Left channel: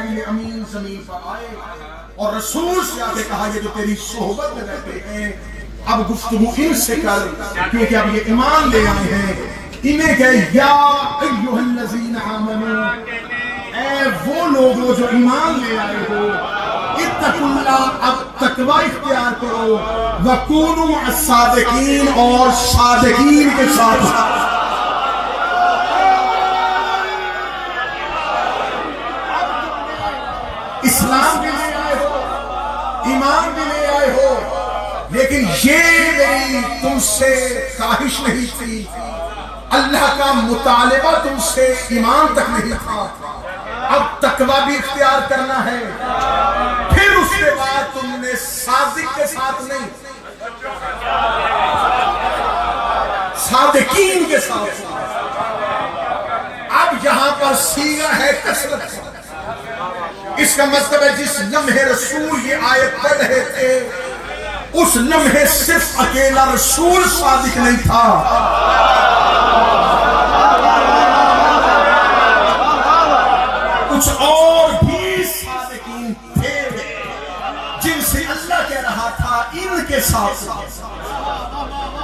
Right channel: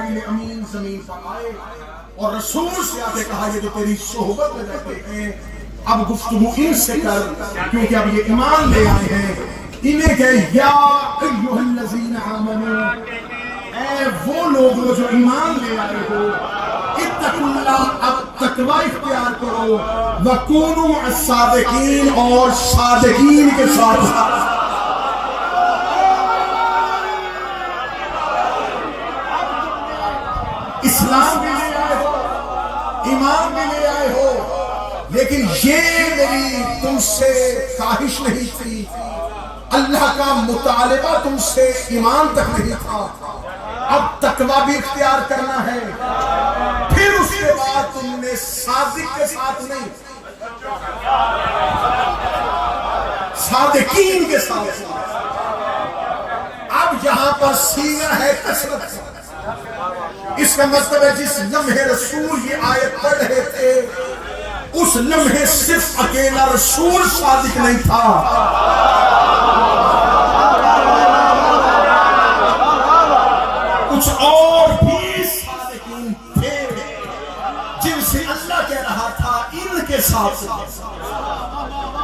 جبرائیل امین زمین پر آئے اور رسول سے آگے کہا یہ جو تیری صحبت میں رہتے ہیں اب گفتگو ان سے کر، کیونکہ اب یہ ایمان لے آئے ہیں۔ انہیں کہ یا ایھا الذین آمنوا، اے وہ لوگ جو ایمان لے آئے ہو، اتقوا اللہ، اب تقوی اختیار کرو، وکونوا مع الصادقین، اور صادقین کے ساتھ۔ اسلام بھی لے آئے ہو، ایمان بھی لے آئے ہو، لیکن یہ میری تم سے خواہش نہیں تھی، اللہ کا مطالبہ تم سے ایمان تک نہیں تھا، اب تقوی بھی اختیار کرنا ہے۔ پھر اس کے بعد تم نے صادق کے ساتھ نہیں، صادقین کے ساتھ۔ اب یہاں پر صیغہ ہے کثرت، اس کا مطلب ہے جس لمحے رسول یہ آیت پڑھ رہے تھے اس لمحے صرف اکیلا رسول صادق نہیں تھا، کچھ اور بھی صادقین تھے جن سے اللہ کہہ رہا تھا ان کے ساتھ۔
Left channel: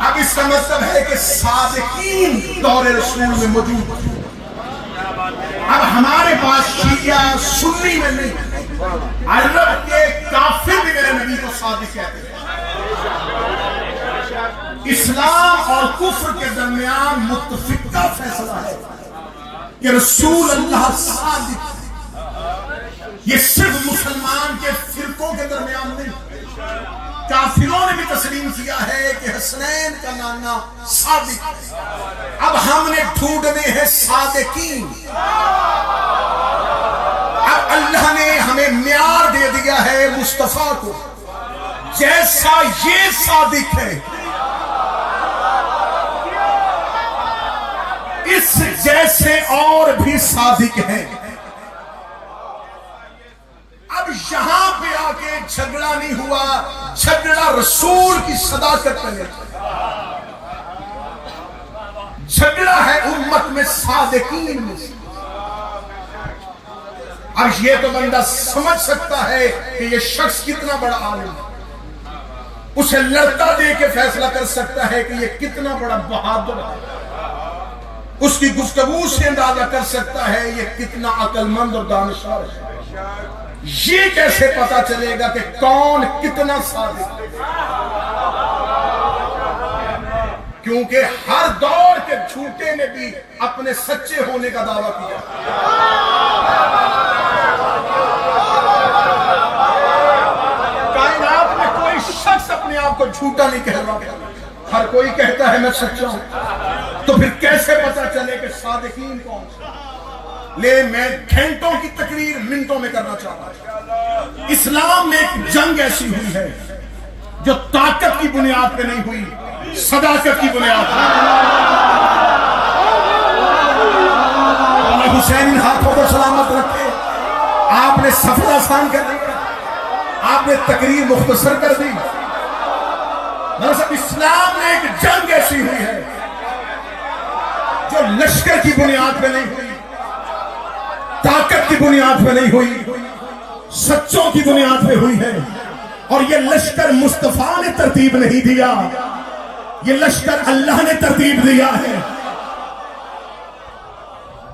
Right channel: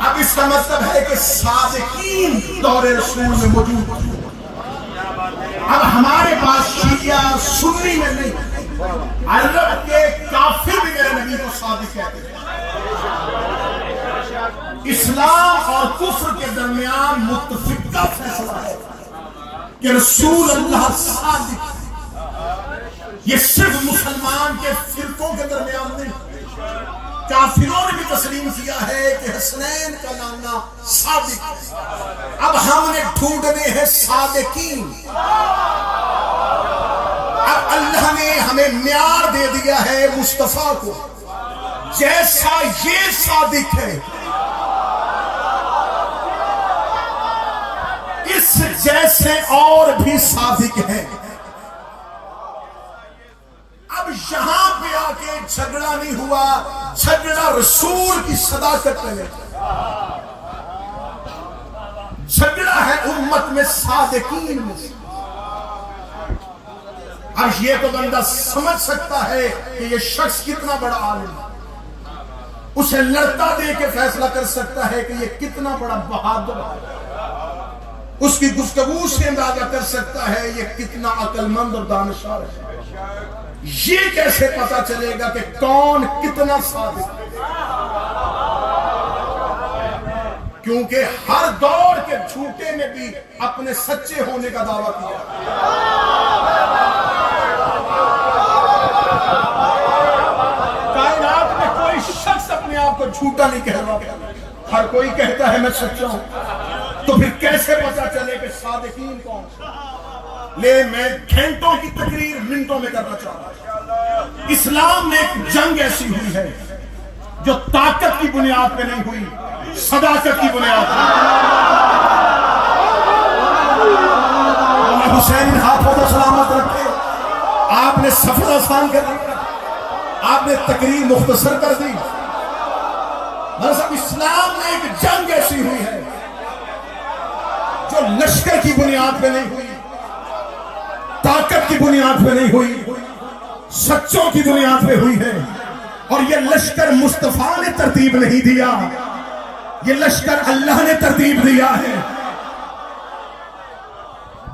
اب اس کا مطلب ہے کہ صادقین دور رسول میں موجود تھے۔ اب ہمارے پاس شیعہ سنی میں نہیں، عرب کے کافر بھی میرے نبی کو صادق کہتے ہیں۔ اسلام اور کفر کے درمیان متفقہ فیصلہ ہے کہ رسول اللہ صادق، یہ صرف مسلمان کے فرقوں کے درمیان نہیں، کافروں نے بھی تسلیم کیا ہے کہ حسنین کا نام صادق۔ اب ہم نے ڈھونڈنے ہیں صادقین۔ اب اللہ نے ہمیں معیار دے دیا ہے مصطفیٰ کو، جیسا یہ صادق ہے اس جیسے اور بھی صادق ہیں۔ اب یہاں پہ آ کے جھگڑا نہیں ہوا، جھگڑا رسول کی صداقت پر ہے، جھگڑا ہے امت میں صادقین میں۔ اب یہ تو بندہ سمجھ سکتا ہے کہ یہ شخص کتنا بڑا عالم ہے، اسے لڑکا دے کے فیصلہ کر سکتا ہے کہ یہ کتنا بڑا بہادر ہے، اس کی گفتگو سے اندازہ کر سکتا ہے یہ کتنا عقل مند اور دانشور ہے۔ یہ کیسے پتا چلے گا کہ کون کتنا صادق ہے؟ کیونکہ ہر دور کے جھوٹے نے بھی اپنے سچے ہونے کا دعویٰ کیا۔ کائنات میں کوئی شخص اپنے آپ کو جھوٹا نہیں کہہ رہا، ہر کوئی کہتا ہے میں سچا ہوں۔ تو پھر کیسے پتا چلے کہ صادقین کون؟ میں گھنٹوں کی تقریر منٹوں میں کرنا چاہتا ہوں۔ اسلام میں ایک جنگ ایسی ہوئی ہے جو طاقت کی بنیاد پہ نہیں ہوئی، صداقت کی بنیاد پہ۔ حسین ہاتھوں کو سلامت رکھے، آپ نے سفر آسان کر دیا، آپ نے تقریر مختصر کر دی۔ مطلب اسلام میں ایک جنگ ایسی ہوئی ہے جو لشکر کی بنیاد پہ نہیں ہوئی، طاقت کی بنیاد پہ نہیں ہوئی، سچوں کی بنیاد پہ ہوئی ہے۔ اور یہ لشکر مصطفیٰ نے ترتیب نہیں دیا، یہ لشکر اللہ نے ترتیب دیا ہے۔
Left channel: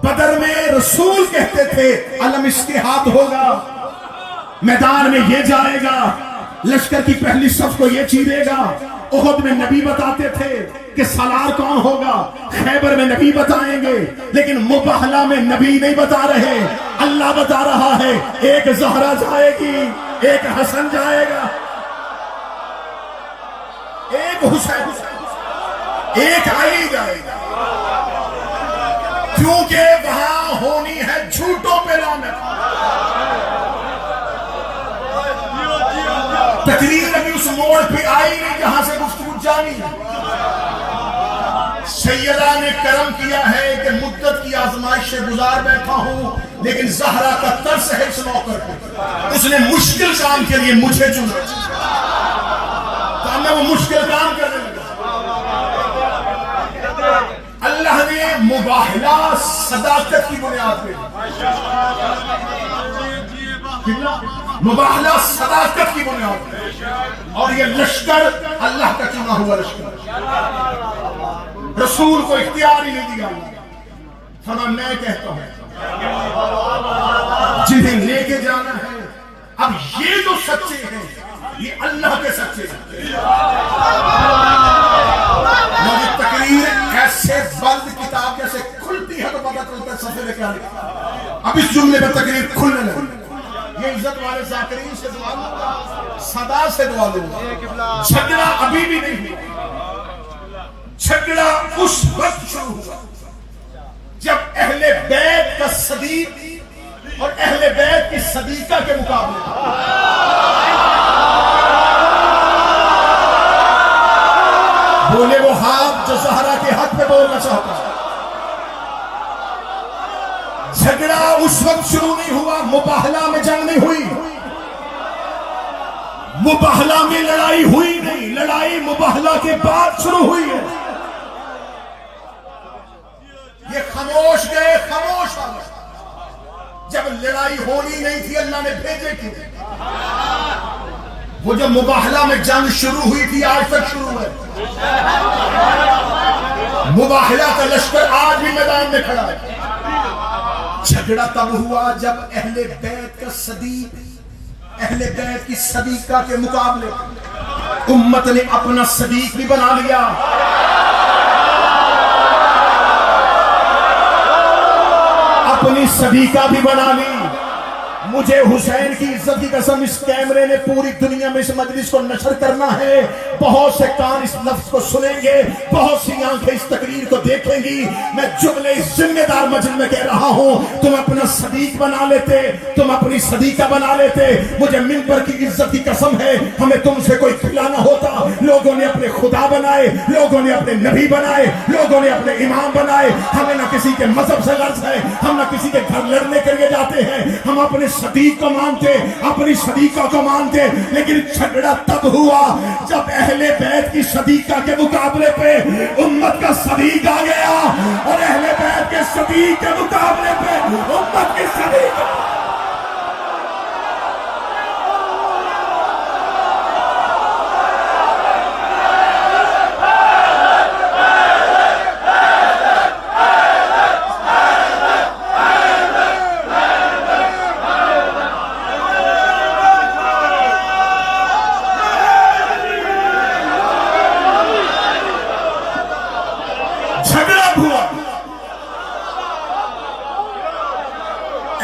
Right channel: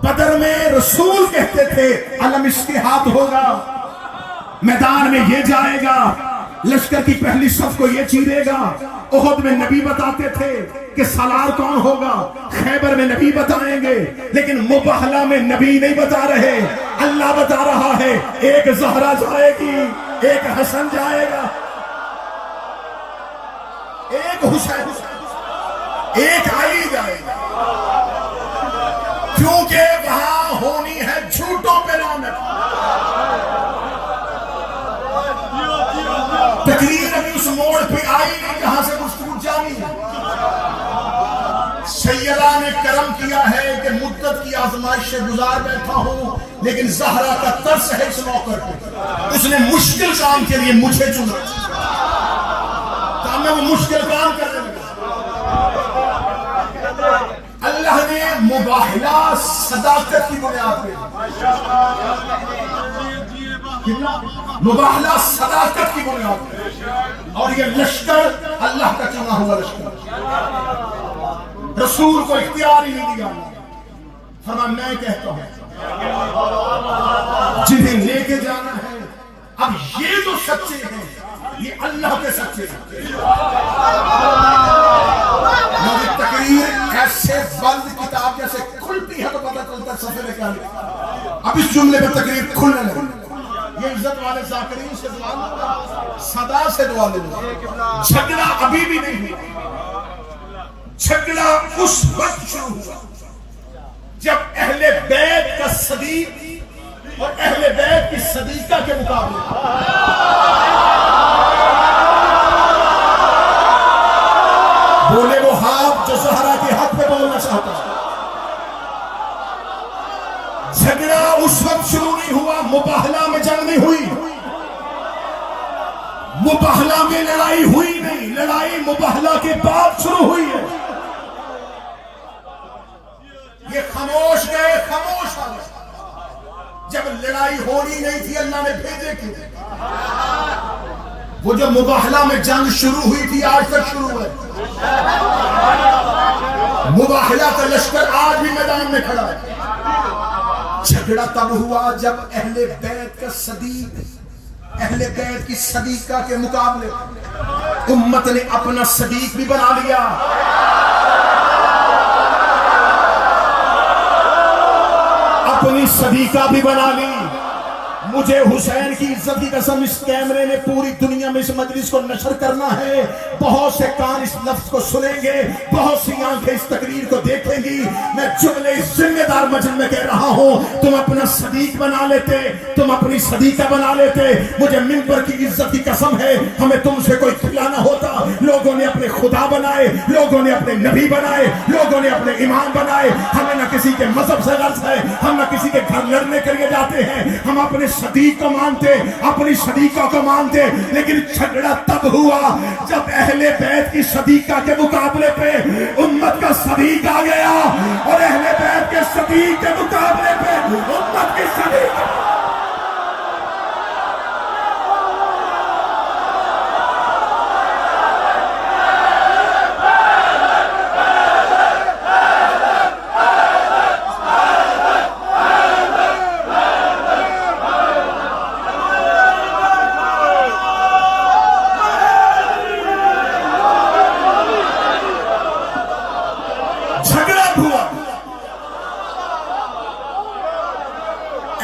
بدر میں رسول کہتے تھے علم اشتہاد ہوگا، میدان میں یہ جائے گا، لشکر کی پہلی صف کو یہ چیرے گا۔ احد میں نبی بتاتے تھے کہ سالار کون ہوگا، خیبر میں نبی بتائیں گے، لیکن مباہلہ میں نبی نہیں بتا رہے، اللہ بتا رہا ہے ایک زہرا جائے گی، ایک حسن جائے گا، ایک حسین، ایک علی جائے گا، کیونکہ وہاں ہونی ہے جھوٹوں پہ لعنت۔ تقریر ابھی اس موڑ پہ آئی جہاں سے گفتگو جانی۔ سیدہ نے کرم کیا ہے کہ مدت کی آزمائش سے گزار بیٹھا ہوں، لیکن زہرا کا ترس ہے اس موقع پہ، اس نے مشکل کام کے لیے مجھے چنا، تو میں وہ مشکل کام کر رہا ہوں۔ اللہ نے مباہلہ صداقت کی بنیاد پہ مباہلہ صداقت کی بنیاد ہے، اور یہ لشکر اللہ کا چنا ہوا لشکر، رسول کو اختیار ہی نہیں دیا، فرمایا میں کہتا ہوں جنہیں لے کے جانا ہے، اب یہ جو سچے ہیں یہ اللہ کے سچے ہیں۔ مجھے تقریر ایسے بند کتاب جیسے کھلتی ہے تو پتہ چلتا ہے صفحے میں کیا لکھا۔ اب اس جملے میں تقریر کھلنے لگی، یہ عزت والے ذاکرین سے دعا لوں، صدا سے دعا لوں، جھگڑا ابھی بھی نہیں ہوا، جھگڑا اس وقت شروع ہوا جب اہل بیت کا صدیق اور اہل بیت کی صدیقہ کے مقابلے بولے وہ ہاتھ جو زہرا کے حق پہ بولنا چاہتا۔ جھگڑا اس وقت شروع نہیں ہوا، مباہلہ میں جنگ نہیں ہوئی، مباہلہ میں لڑائی ہوئی نہیں، لڑائی مباہلہ کے بعد شروع ہوئی ہے۔ یہ خاموش گئے، خاموش آ گئے، جب لڑائی ہونی نہیں تھی اللہ نے بھیجے کیوں؟ وہ جو مباہلہ میں جنگ شروع ہوئی تھی آج تک شروع ہے، مباہلہ کا لشکر آج بھی میدان میں کھڑا ہے۔ جھگڑا تب ہوا جب اہل بیت کا صدیق، اہل بیت کی صدیقہ کے مقابلے امت نے اپنا صدیق بھی بنا لیا، اپنی صدیقہ بھی بنا لی۔ مجھے حسین کی عزت کی قسم اس کیمرے نے پوری دنیا میں اس مجلس کو نشر کرنا ہے، بہت سے کان اس لفظ کو سنیں گے، بہت سی آنکھیں اس تقریر کو دیکھیں گی۔ میں جملے ذمہ دار مجلس میں کہہ رہا ہوں، تم اپنا صدیق بنا لیتے، تم اپنی صدیقہ بنا لیتے، مجھے منبر کی عزت کی قسم ہے ہمیں تم سے کوئی کھلانا ہوتا۔ لوگوں نے اپنے خدا بنائے، لوگوں نے اپنے نبی بنائے، لوگوں نے اپنے امام بنائے، ہمیں نہ کسی کے مذہب سے غرض ہے، ہم نہ کسی کے گھر لڑنے کے لیے جاتے ہیں، ہم اپنے صدیق کو مانتے، اپنی صدیقہ کو مانتے۔ لیکن جھگڑا تب ہوا جب اہل بیت کی صدیقہ کے مقابلے پہ امت کا صدیق آ گیا، اور اہل بیت کے صدیق کے مقابلے پہ امت کی صدیقہ۔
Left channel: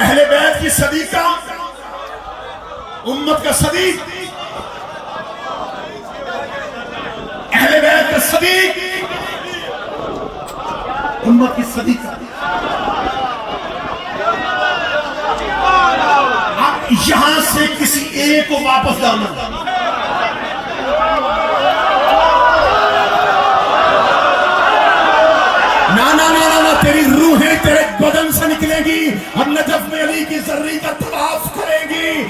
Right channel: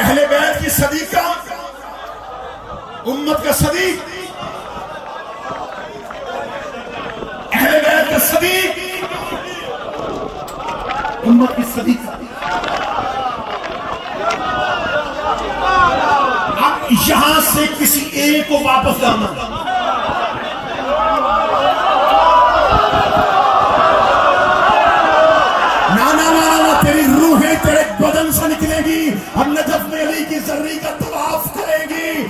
اہل بیت کی صدیقہ، امت کا صدیق، اہل بیت کا صدیق، امت کی صدیقہ۔ اب یہاں سے کسی ایک کو واپس لانا، تیری روحیں تیرے بدن سے نکلے گی اور نجف میں علی کی زرعی کا طواف کرے گی۔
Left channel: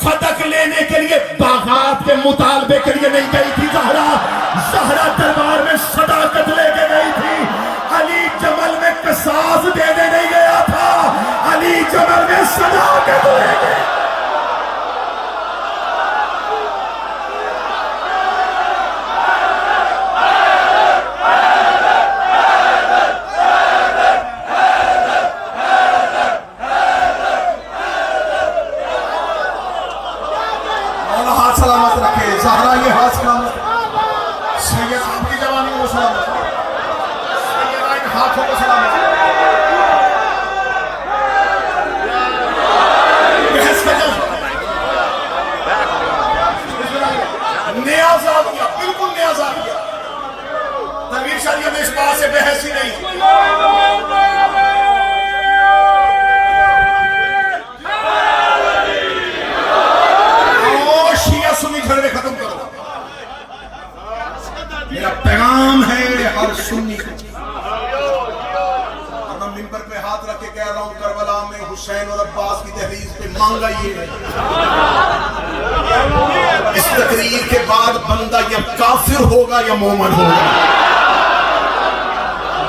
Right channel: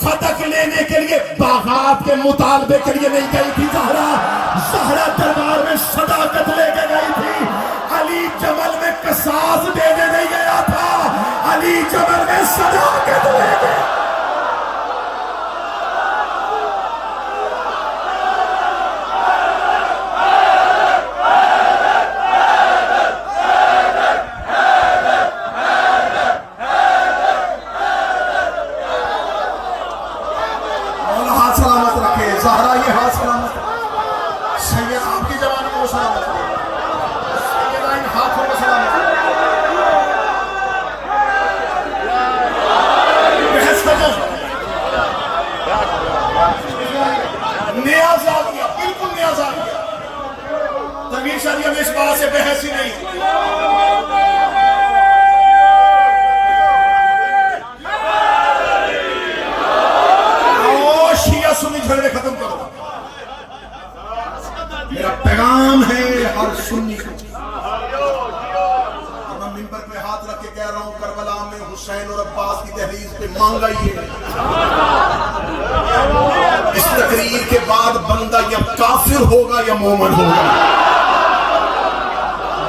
فتح لینے کے لیے باغات کے مطالبے کے لیے نہیں گئی تھی زہرا، زہرا دربار میں صداقت لے کے گئی تھی۔ علی جمل میں قصاص دینے نہیں گیا تھا، علی جمل میں صداقت لے کے۔ زہرا یہ ہاتھ سلامت، سید آپ کی جوانی کو سلامت، سیدہ ان ہاتھوں کو سلامت۔ بحث کا جو نیاز آ گیا، بالکل نیاز آ گیا، تنویر شاریہ میں اس بات سے بحث ہی نہیں۔ جھگڑے ختم کرو، میرا پیغام ہے ہر سنی کو۔ میں منبر پہ ہاتھ رکھ کے کہہ رہا ہوں، کربلا میں حسین اور عباس کی دہلیز پہ مانگ آئیے۔ اس تقریر کے بعد بندہ یا کافر ہوگا یا مومن ہوگا،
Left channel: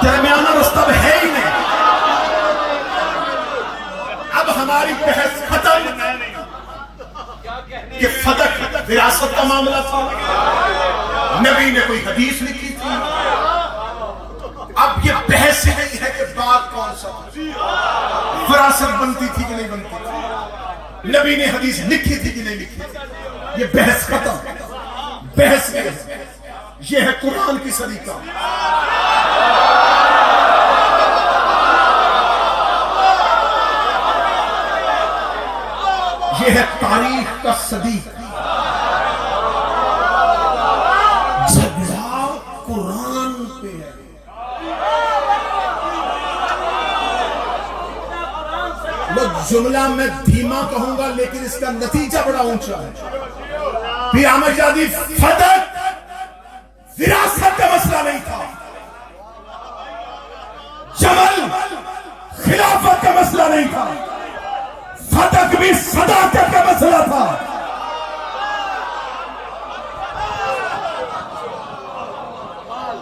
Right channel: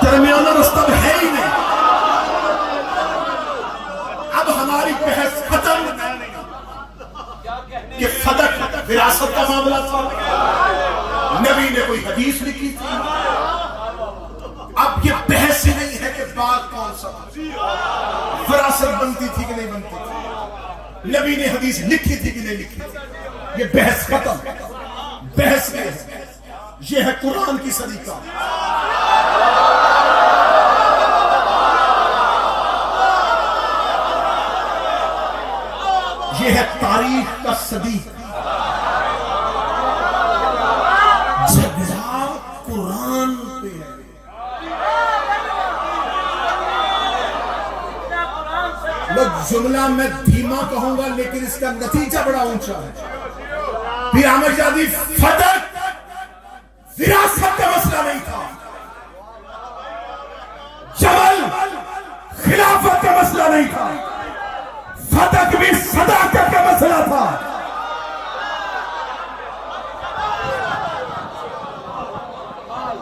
درمیانہ رستہ ہے ہی نہیں۔ اب ہماری بحث ختم، کہ فتح وراثت کا معاملہ تھا، نبی نے کوئی حدیث لکھی تھی. اب یہ بحث نہیں ہے کہ بات کون سا وراثت بنتی تھی کہ نہیں بنتی تھی، نبی نے حدیث لکھی تھی کہ نہیں لکھی تھی. یہ بحث ختم. بحث ہے، یہ ہے قرآن کی سلیقہ. یہ ہے تاریخ کا صدیق. جھگڑا قرآن پہ ہے. جملہ میں دھیما کہوں گا لیکن اس کا نتیجہ بڑا اونچا ہے. پھر احمد شادی فتح وراثت کا مسئلہ نہیں تھا، جمل خلافت کا مسئلہ نہیں تھا، فتح بھی صداقت کا مسئلہ تھا.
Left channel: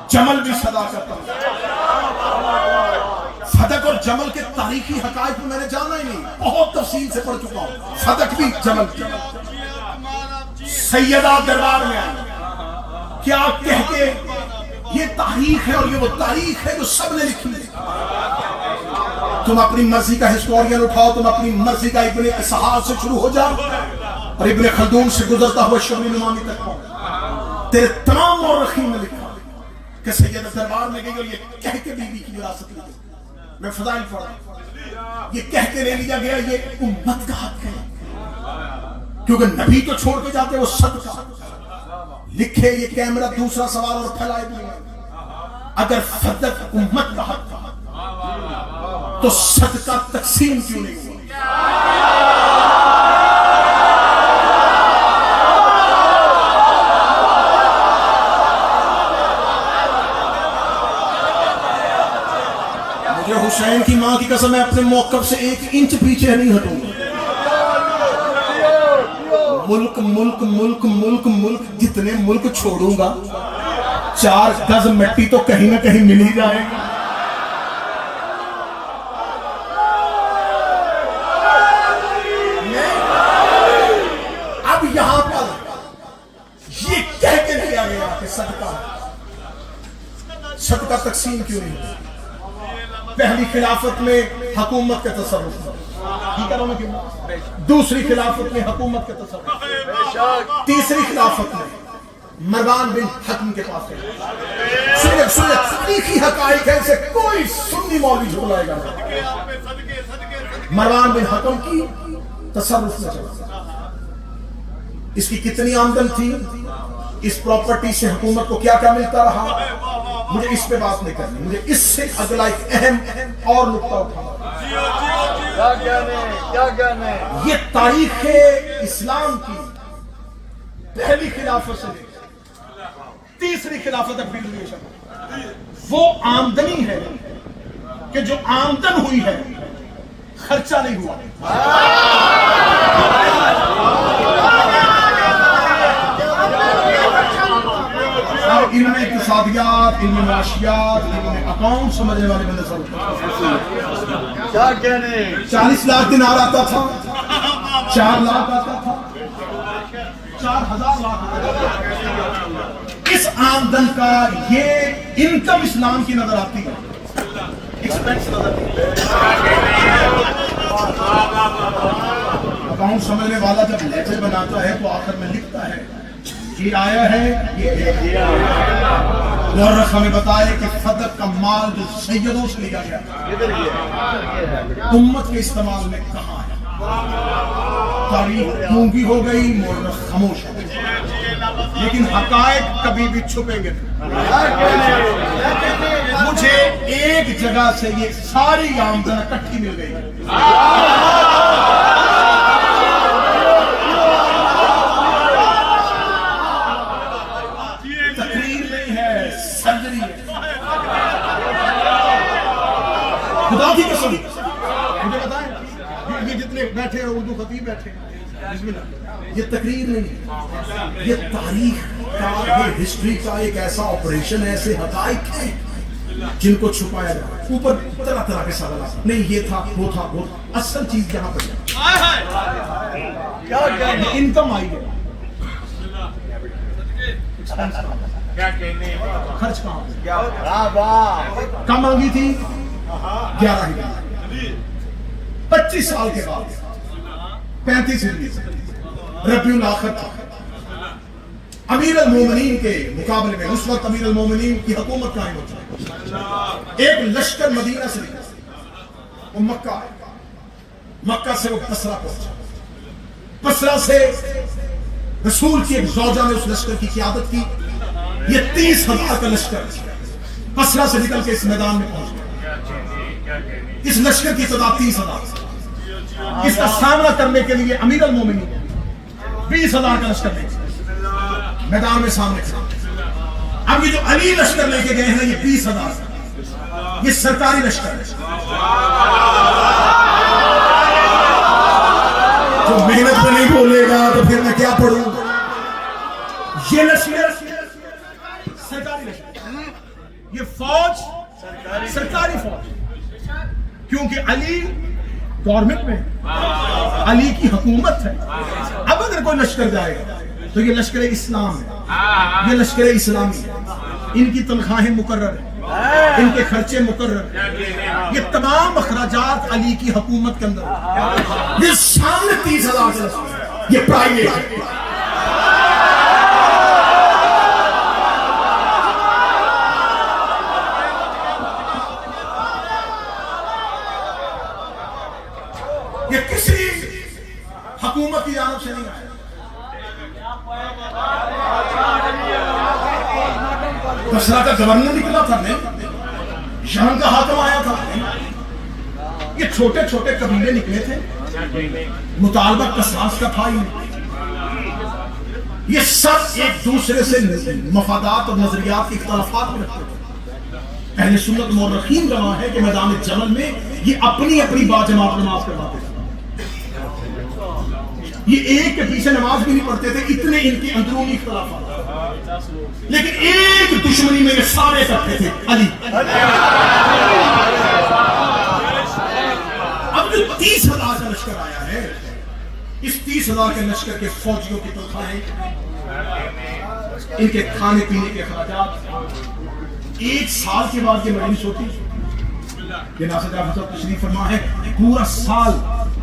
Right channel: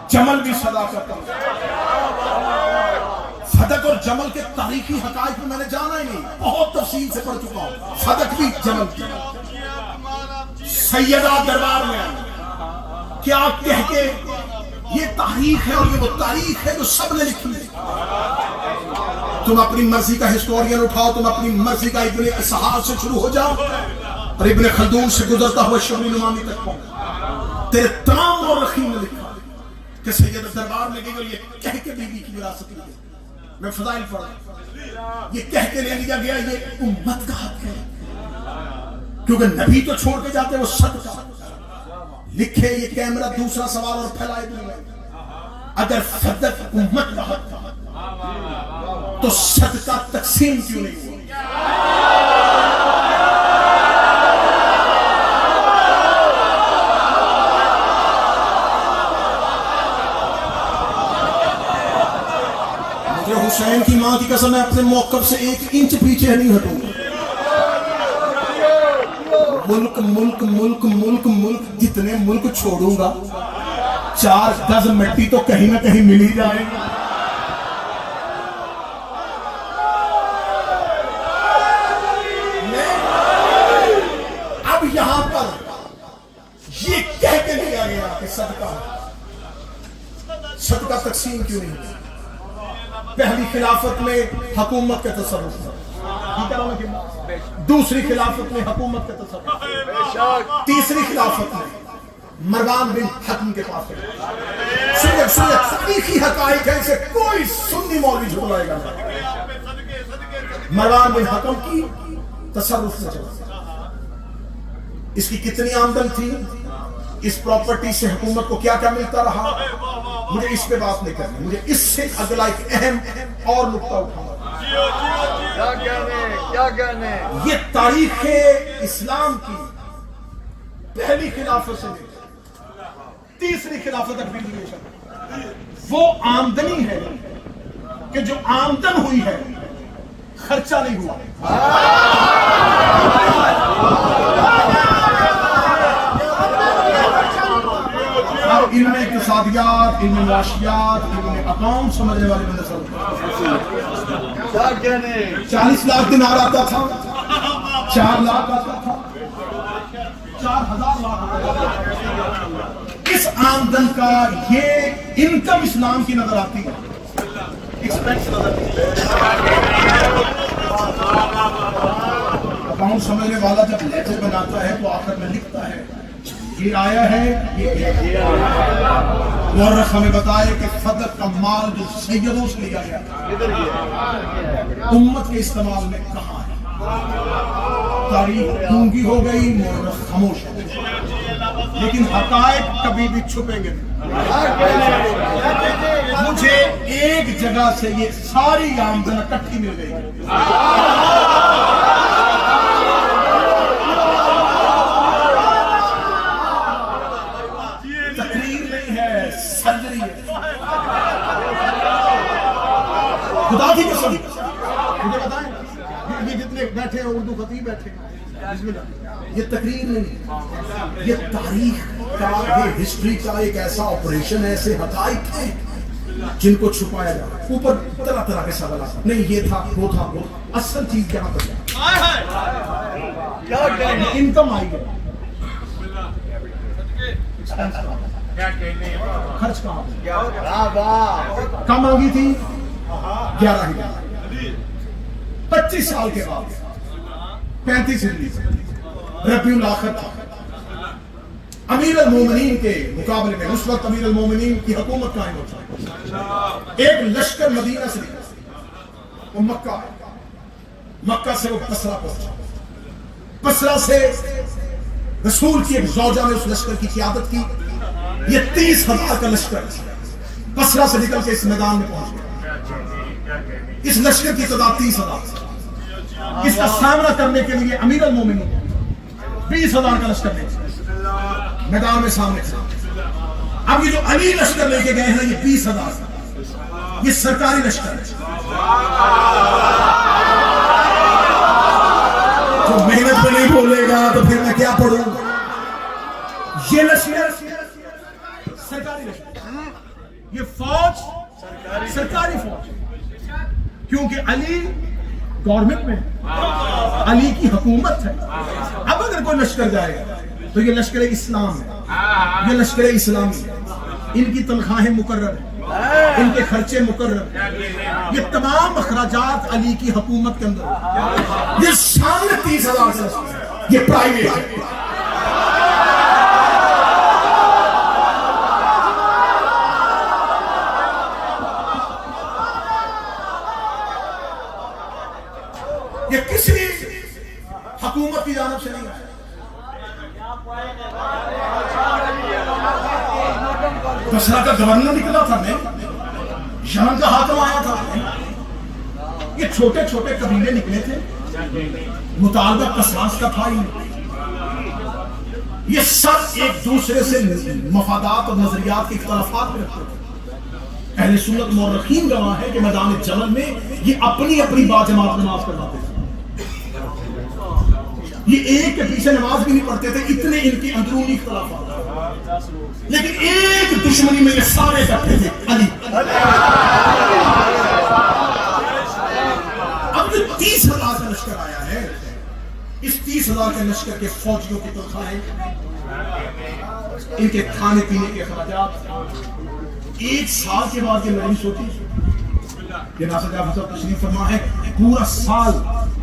جمل بھی صداقت کا. فتح اور جمل کے تاریخی حقائق میں نے جانا ہی نہیں، بہت تفصیل سے پڑھ چکا ہوں. فتح بھی جمل بھی. سیدہ دربار میں کیا کہہ کے یہ تاریخ ہے، اور یہ وہ تاریخ ہے جو سب نے لکھی ہے. تم اپنی مرضی کا ہسٹورین اٹھاؤ، تم اپنی مرضی کا ابن اسحاق سے شروع ہو جاؤ اور ابن خلدون سے گزرتا ہوا شبلی نمامی تک پہنچ. تیرے تمام مورخین نے لکھا کہ سیدہ دربار میں گئی اور یہ کہہ کے بیوی کی وراثت لی گئی. میں فضائل پڑھا، یہ کہہ کے لے لیا گیا یہ امت کا حق ہے، کیونکہ نبی تو چھوڑ کے جاتے وہ صدقہ لکھے. یہ کیمرہ دوسرا سوال اور پھیلائے دیں، اگر فتح امت کا حق تھا تو صدقہ تقسیم کیوں نہیں ہوا؟ مجھے حسین کی ماں کی قسم ہے اپنے موقف سے 1 انچ پیچھے نہیں ہٹوں گا. ملک ملک ملک ملک ملک جتنے ملک چھوڑوں گا 4 گز مٹی تو کہیں نہ کہیں مل ہی جائے گا. اب یہاں پر یہ کہہ کے لیا گیا کہ صدقہ تقسیم کیوں نہیں؟ پہلی خلافت میں حکومت کا تصرف تھا، دوسری خلافت میں حکومت کا تصرف، تیسری خلافت میں مروان بن حکم کے پاس ہے. تاریخی حقائق ہے، اسے کوئی سنی مولوی جھٹلائے گا نہیں. مروان بن حکم کی تصرف میں چلا. اس کی کتنی آمدن تھی، اس پراپرٹی سے حکومت کو کیا کیا ملتا رہا، مجھے اس پہ بات نہیں کرنی. مجھے اس سے اگلا ایک اہم اور نقطہ اٹھانا. یہ تاریخ اسلام کی پہلی خلافت سے تیسری خلافت تک بھی وہ آمدنی ہے کہ جو آمدن ہوئی ہے خرچہ نہیں ہوا. علم اقتصادیات، علم معاشیات، علم اکاؤنٹ سمجھنے والے میں نظر 40 لاکھ دینار آتا تھا، 4 لاکھ آتا تھا، 4000 لاکھ آتا تھا. اس آمدن کا یہ انکم اسلام کی نظر آتی ہے، ایکسپینس نظر اکاؤنٹ سمجھنے والا جب لیٹر بناتا ہے تو آخر میں لکھتا ہے یہ آیا ہے، یہ مورخ ہمیں بتائے کہ صدق کا مال جو سیدوں سے لیا گیا امت کے استعمال میں کہاں ہے. تاریخ گونگی ہو گئی، مورخ خاموش ہو گئی، لیکن حقائق کبھی بھی چھپیں گے نہیں. مجھے ایک جگہ سے یہ ساری آمدن اکٹھی مل گئی. خدا کی قسم مجھے بتائیں، یہ جتنے بیٹھے ہیں اردو خطیب بیٹھے ہیں، بسم اللہ، یہ تقریر نہیں، یہ تاریخ کا، یہ ہسٹری کا ایک ایسا آپریشن ہے، ایسے حقائق ہیں جن کو چھپایا جائے. اوپر طرح طرح کے سوالات، نہیں یہ تھا وہ تھا وہ، اصل چیز کہاں پر ہے؟ انکم آئی ہے، خرچ کہاں پہ؟ کم مانگی تھی 11,000، 25 سال کے بعد 35 ربیع الاخر تھا، امیر المومنین کے مقابلے میں اس وقت امیر المومنین کی حکومت قائم ہوتا، ایک لشکر مدینہ سے نکلا، وہ مکہ سے وہ بصرہ پہنچا، بصرہ سے رسول کی ایک زوجہ نے اس لشکر کی قیادت کی، یہ 30,000 کا لشکر بصرہ سے نکل کے اس میدان میں پہنچ گیا، اس لشکر کی تعداد 30,000، اس کا سامنا کرنے کے لیے امیر المومنین 20,000 کا لشکر لے میدان میں سامنے سے، اب یہ جو علی لشکر لے کے گئے ہیں یہ 20,000، یہ سرکاری لشکر ہے، جو محنت پہ نہیں بولے گا تو پھر میں کیا پڑھوں؟ یہ لشکر سرکاری لشکر، یہ فوج سرکاری فوج، کیونکہ علی گورنمنٹ میں علی کی حکومت ہے، اب اگر کوئی لشکر جائے گا تو یہ لشکر اسلام ہے، یہ لشکر اسلامی ہے، ان کی تنخواہیں مقرر ہیں، ان کے خرچے مقرر ہیں، یہ تمام اخراجات علی کی حکومت کے اندر، یہ سامنے 30,000 کا لشکر، یہ پرائیویٹ ہے، یہ کسی حکومت کی جانب سے نہیں آیا، بصرہ کا گورنر نکلا تھا میں، شام کا حاکم آیا تھا، یہ چھوٹے چھوٹے قبیلے نکلے تھے، مطالبہ قصاص کا تھا ہی، یہ سب ایک دوسرے سے مفادات اور نظریات کے اختلافات میں رکھتے تھے، اہل سنت مورخین گواہ ہے کہ میدان جمل میں یہ اپنی اپنی باجماعت نماز پڑھاتے تھے، یہ ایک کے پیچھے نماز بھی نہیں پڑھتے تھے، اتنے ان کے اندرونی اختلافات، لیکن ایک دشمنی میں یہ سارے اکٹھے تھے، علی۔ اب جو 30,000 کا لشکر آیا ہے، اس 30,000 کے لشکر کے فوجیوں کی تنخواہیں، ان کے کھانے پینے کے اخراجات، ایک سال کے بعد یہ مجلس ہوتی، یہ ناصر جعفر صاحب تشریف فرما ہے، پورا سال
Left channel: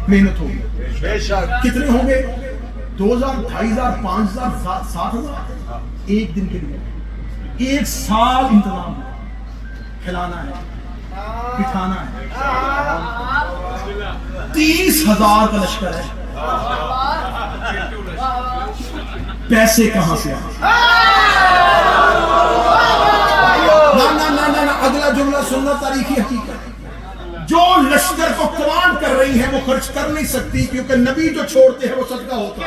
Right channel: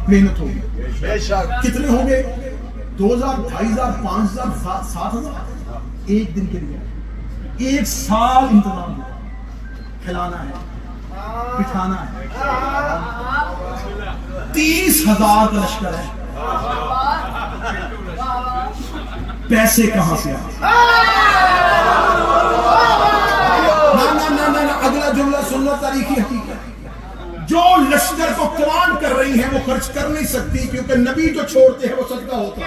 محنت ہوگی، کتنے ہوں گے؟ 2,000 2,500 5,000 7,000 ایک دن کے لیے، ایک سال انتظام ہے، کھلانا ہے، بٹھانا ہے، 30,000 کا لشکر ہے، پیسے کہاں سے آئے؟ نہ اگلا جملہ سننا تاریخی حقیقت، جو لشکر کو کمان کر رہی ہے وہ خرچ کر نہیں سکتی، کیونکہ نبی جو چھوڑتے ہیں وہ صدقہ ہوتا ہے،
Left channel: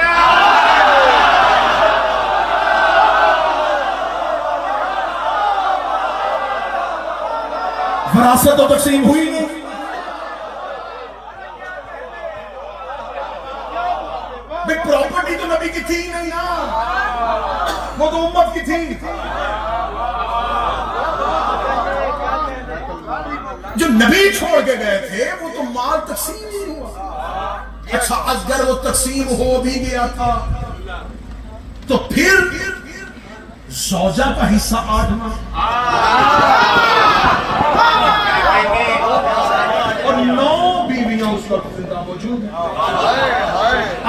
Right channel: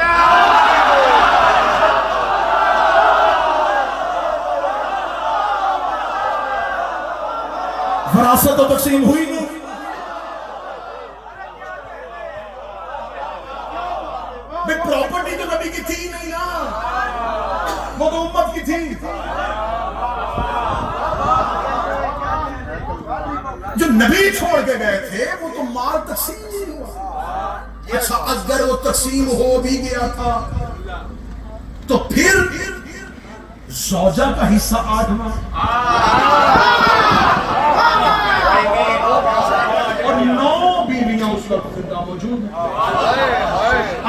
وراثت تو تقسیم ہوئی نہیں، پراپرٹی تو نبی کی تھی نہیں نا، وہ تو امت کی تھی، جو نبی چھوڑ کے گئے تھے وہ تو مال تقسیم نہیں ہوا، اچھا اگر وہ تقسیم ہو بھی گیا تھا تو پھر زوجہ کا حصہ 8واں اور 9 بیویاں اس وقت زندہ موجود ہیں،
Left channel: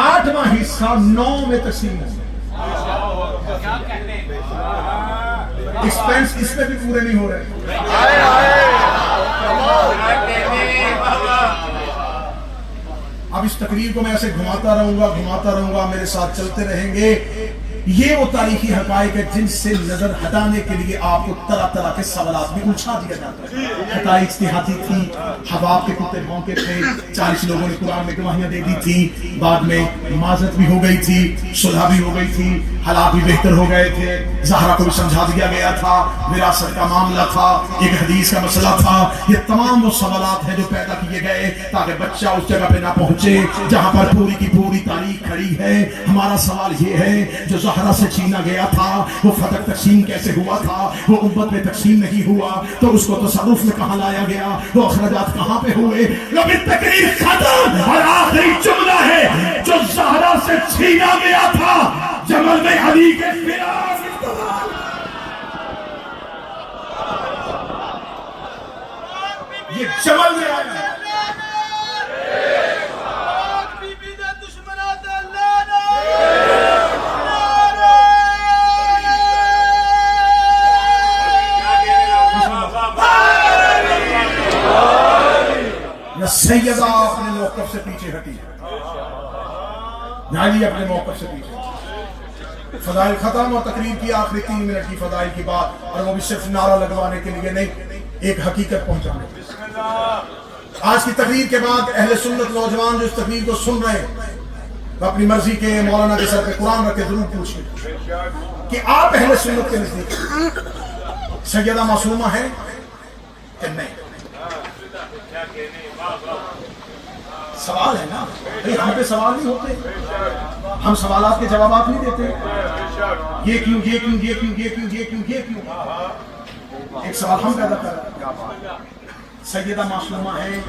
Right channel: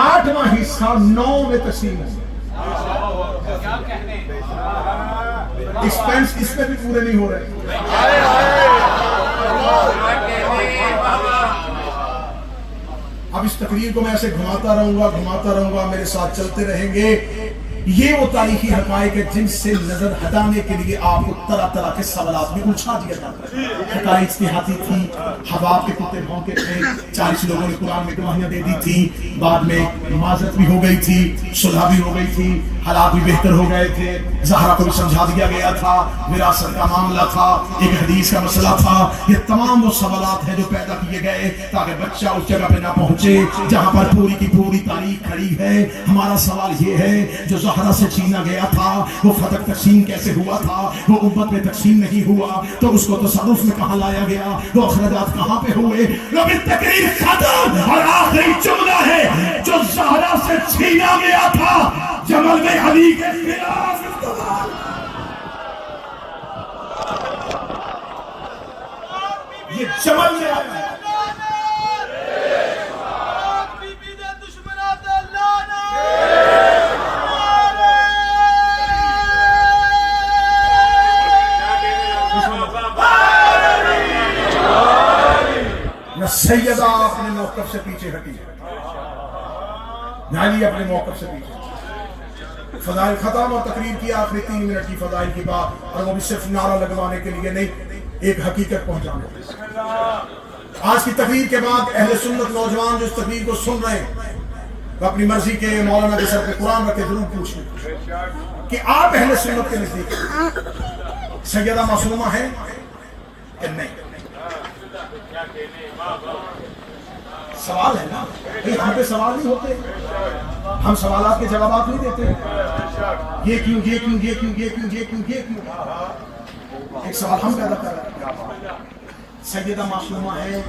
8واں حصہ 9 میں تقسیم ہے، ایکسپینس اس میں بھی پورے نہیں ہو رہے، اب اس تقریر کو میں ایسے گھماتا رہوں گا، میرے ساتھ چلتے رہیں گے، یہ وہ تاریخی حقائق ہے جن سے نظر ہٹانے کے لیے آپ کو طرح طرح کے سوالات میں الجھا دیا جاتا ہے، حقائق اجتہادی تھی، حباب کے کتے بھونکے تھے، 40 لوگوں نے قرآن میں گواہیاں دے دی تھی، بعد میں معذرت بھی ہو گئی تھی، صلح بھی ہو گئی تھی، حالات بھی بہتر ہو گئے تھے، زہرا کو بھی سمجھا دیا گیا تھا، وراثت کا معاملہ تھا، ایک حدیث کا مسئلہ تھا، یہ تمام وہ سوالات ہیں جو پیدا کیے گئے تاکہ بچہ اس جگہ پہ نہ پہنچے جہاں پر پوری کی پوری تاریخ کھڑی ہے۔ ہمارا سوال یہ ہے جو زہرا سے چھینا گیا تھا وہ فتح تقسیم کیسے ہوا تھا؟ وہ امت میں تقسیم نہیں ہوا تو اس کو تصرف میں کہاں لایا گیا؟ وہ اخراجات کہاں پہ ہوئے؟ لیکن تقریر ختم اور آخری جملہ ہے جو زہرا سے سینہ گیا تھا جمل میں علی کے خلاف اقتدار. یہ جمل میں آیا. سیدہ اپنے موقف سے پیچھے ہٹی علی اپنے موقف سے پیچھے. فضائل ختم اور تقریر کی آخری 3 منٹ کی فضائل کی بات, اور وہ بھی صرف نعرہ لگوانے کے لیے نہیں, ایک حقیقت پہنچانے کے لیے. آج کی تقریر کے بعد اہل سنت نوجوان جو اس تقریر کو سن رہے ہیں وہ اپنی مرضی کے مولانا کے سر پہ قرآن رکھ کے ضرور پوچھیں کہ آپ اہل سنت کے نزدیک سیدہ معصومہ ہے کہ نہیں. سوال ہے نا, ہم پہ سوال نہیں ہوتے, ہم سوالات کے جوابات نہیں دیتے. یہ کیوں, یہ کیوں, یہ کیوں, یہ کیوں, یہ کیوں, یہ کیوں. ایک سوال ہم پیدا کر رہے ہیں, سیدہ معصومہ ہے.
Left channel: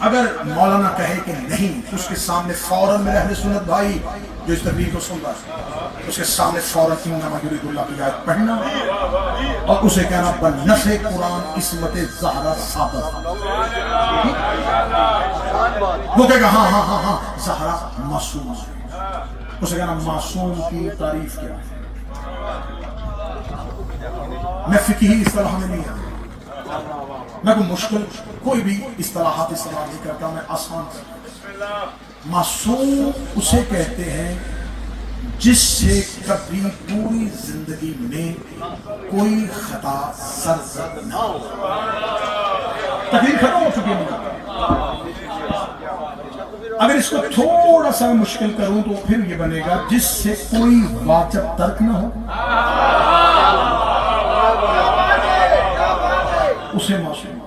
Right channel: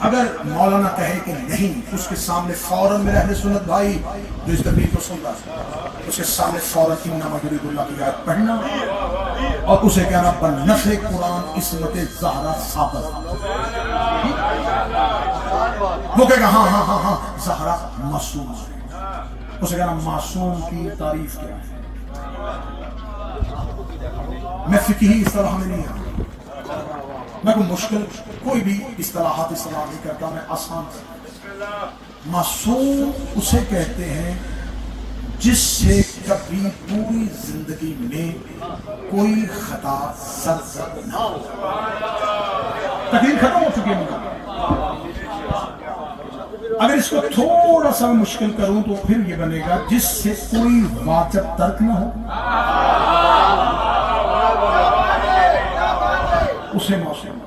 اگر مولانا کہے کہ نہیں, اس کے سامنے فوراً میرے اہل سنت بھائی جو اس تقریر کو سن رہا ہے, اس کے سامنے فوراً انما یرید اللہ کی آیت پڑھنا اور اسے کہنا بنص قرآن عصمت زہرا ثابت. وہ کہے گا ہاں ہاں ہاں ہاں زہرا معصوم ہے. اسے کہنا معصوم کی تعریف کیا ہے. میں فقہی اصطلاح میں نہیں آتا, میں کوئی مشکل کوئی بھی اصطلاحات استعمال نہیں کرتا, میں آسان. معصوم اسے کہتے ہیں جس سے کبھی پوری زندگی میں کوئی خطا سرزد نہ ہو. تقریر ختم ہو چکی ہے. اگر اس کو تھوڑا سا مشکل کروں تو پھر یہ بنے گا جس سے کوئی واجب ترک نہ ہو, اسے معصوم.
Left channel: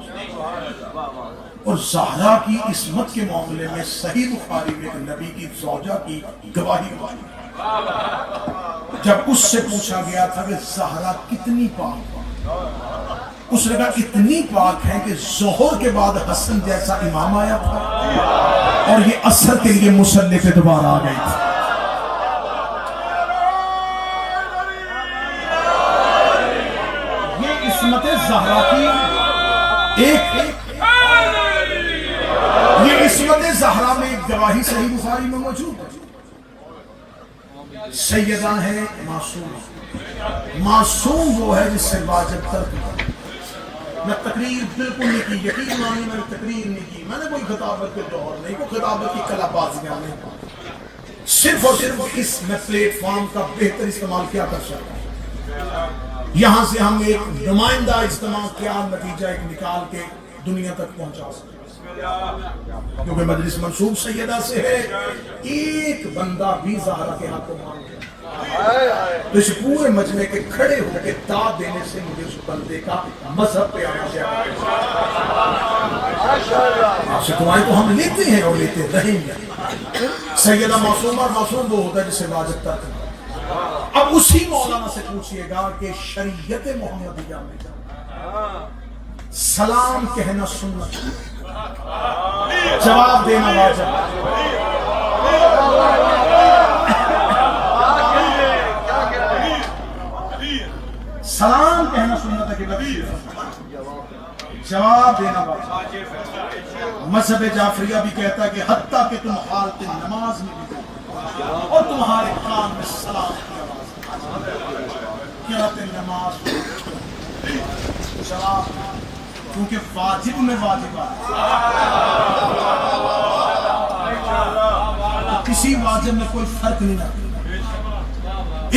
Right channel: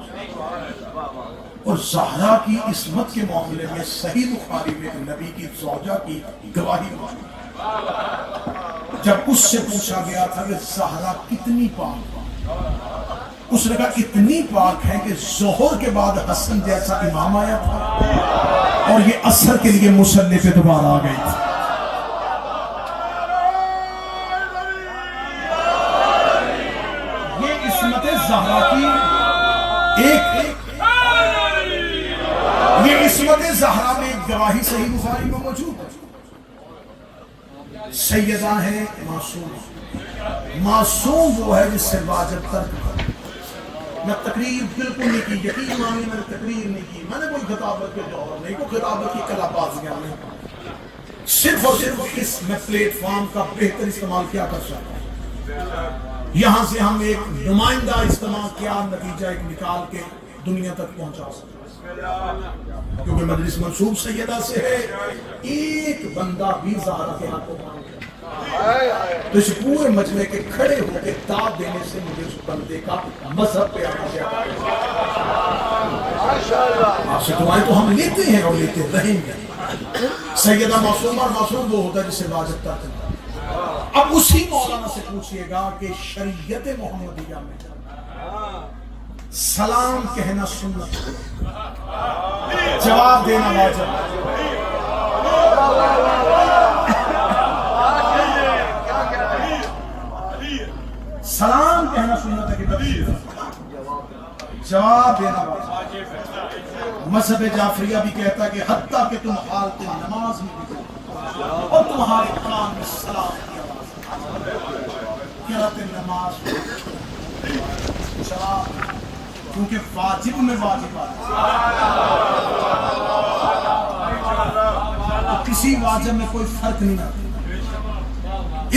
اور زہرا کی عصمت کے معاملے میں صحیح بخاری میں نبی کی زوجہ کی گواہی موجود. جب اس سے پوچھا گیا تھا کہ زہرا کتنی پاک, اس نے کہا اتنی پاک ہے کہ ظہر کے بعد حسن جیسا امام آیا تھا اور یہ عصر کے لیے مصلی پہ دوبارہ آ گئی تھی. یہ عصمت زہرا کی یہ عصمت زہرا میں ایک گواہی صحیح بخاری میں موجود ہے. سیدہ ہے معصوم. معصوم وہ ہے جس سے واجب ترک نہ. میں تقریر بالکل نہیں کی, یقین مانی میں تقریر نہیں کی, میں نے کوئی خطابت کے جوہر نہیں, کوئی خطابت کی کلا بازیاں نہیں, صرف اور صرف اس میں پلیٹ فارم کا بہتر استعمال کیا کر سکتا ہوں. یہاں سے ہم ایک نمائندہ استعمال کیا نتیجہ ایک نکال کے دنیا تک پہنچا سکتے, کیونکہ مجلس منسوب سیدہ سے ہے. ایک بندہ بھی زہرا کے ہاتھ کو مان گیا تو اس پورے مجمع کے کھڑے ہو کے داد دینے سے مجھے اس بندے کا مذہب پہ آنا چاہیے. آپ سے دعائیں تو ہم لیتے ہیں اور لیتے رہیں گے. سیدہ معصوم اور معصوم وہ ہوتا ہے جسے واجب ترک کرتا. اب اسی مولانا سے پوچھئے گا کہ شریعت محمدیہ میں سلام کہنا سنت, جواب دینا واجب. سلام کہنا سنت ہے کہ جواب دینا واجب. مذہب جعفریہ بھی کہتا ہے کہ حتیٰ کہ تم حالت نماز میں بھی اور تمہارے کلام میں سلام کی آواز نماز سلام, کیونکہ واجب میں واجب کسی واجب میں کوئی فرق نہیں آتا.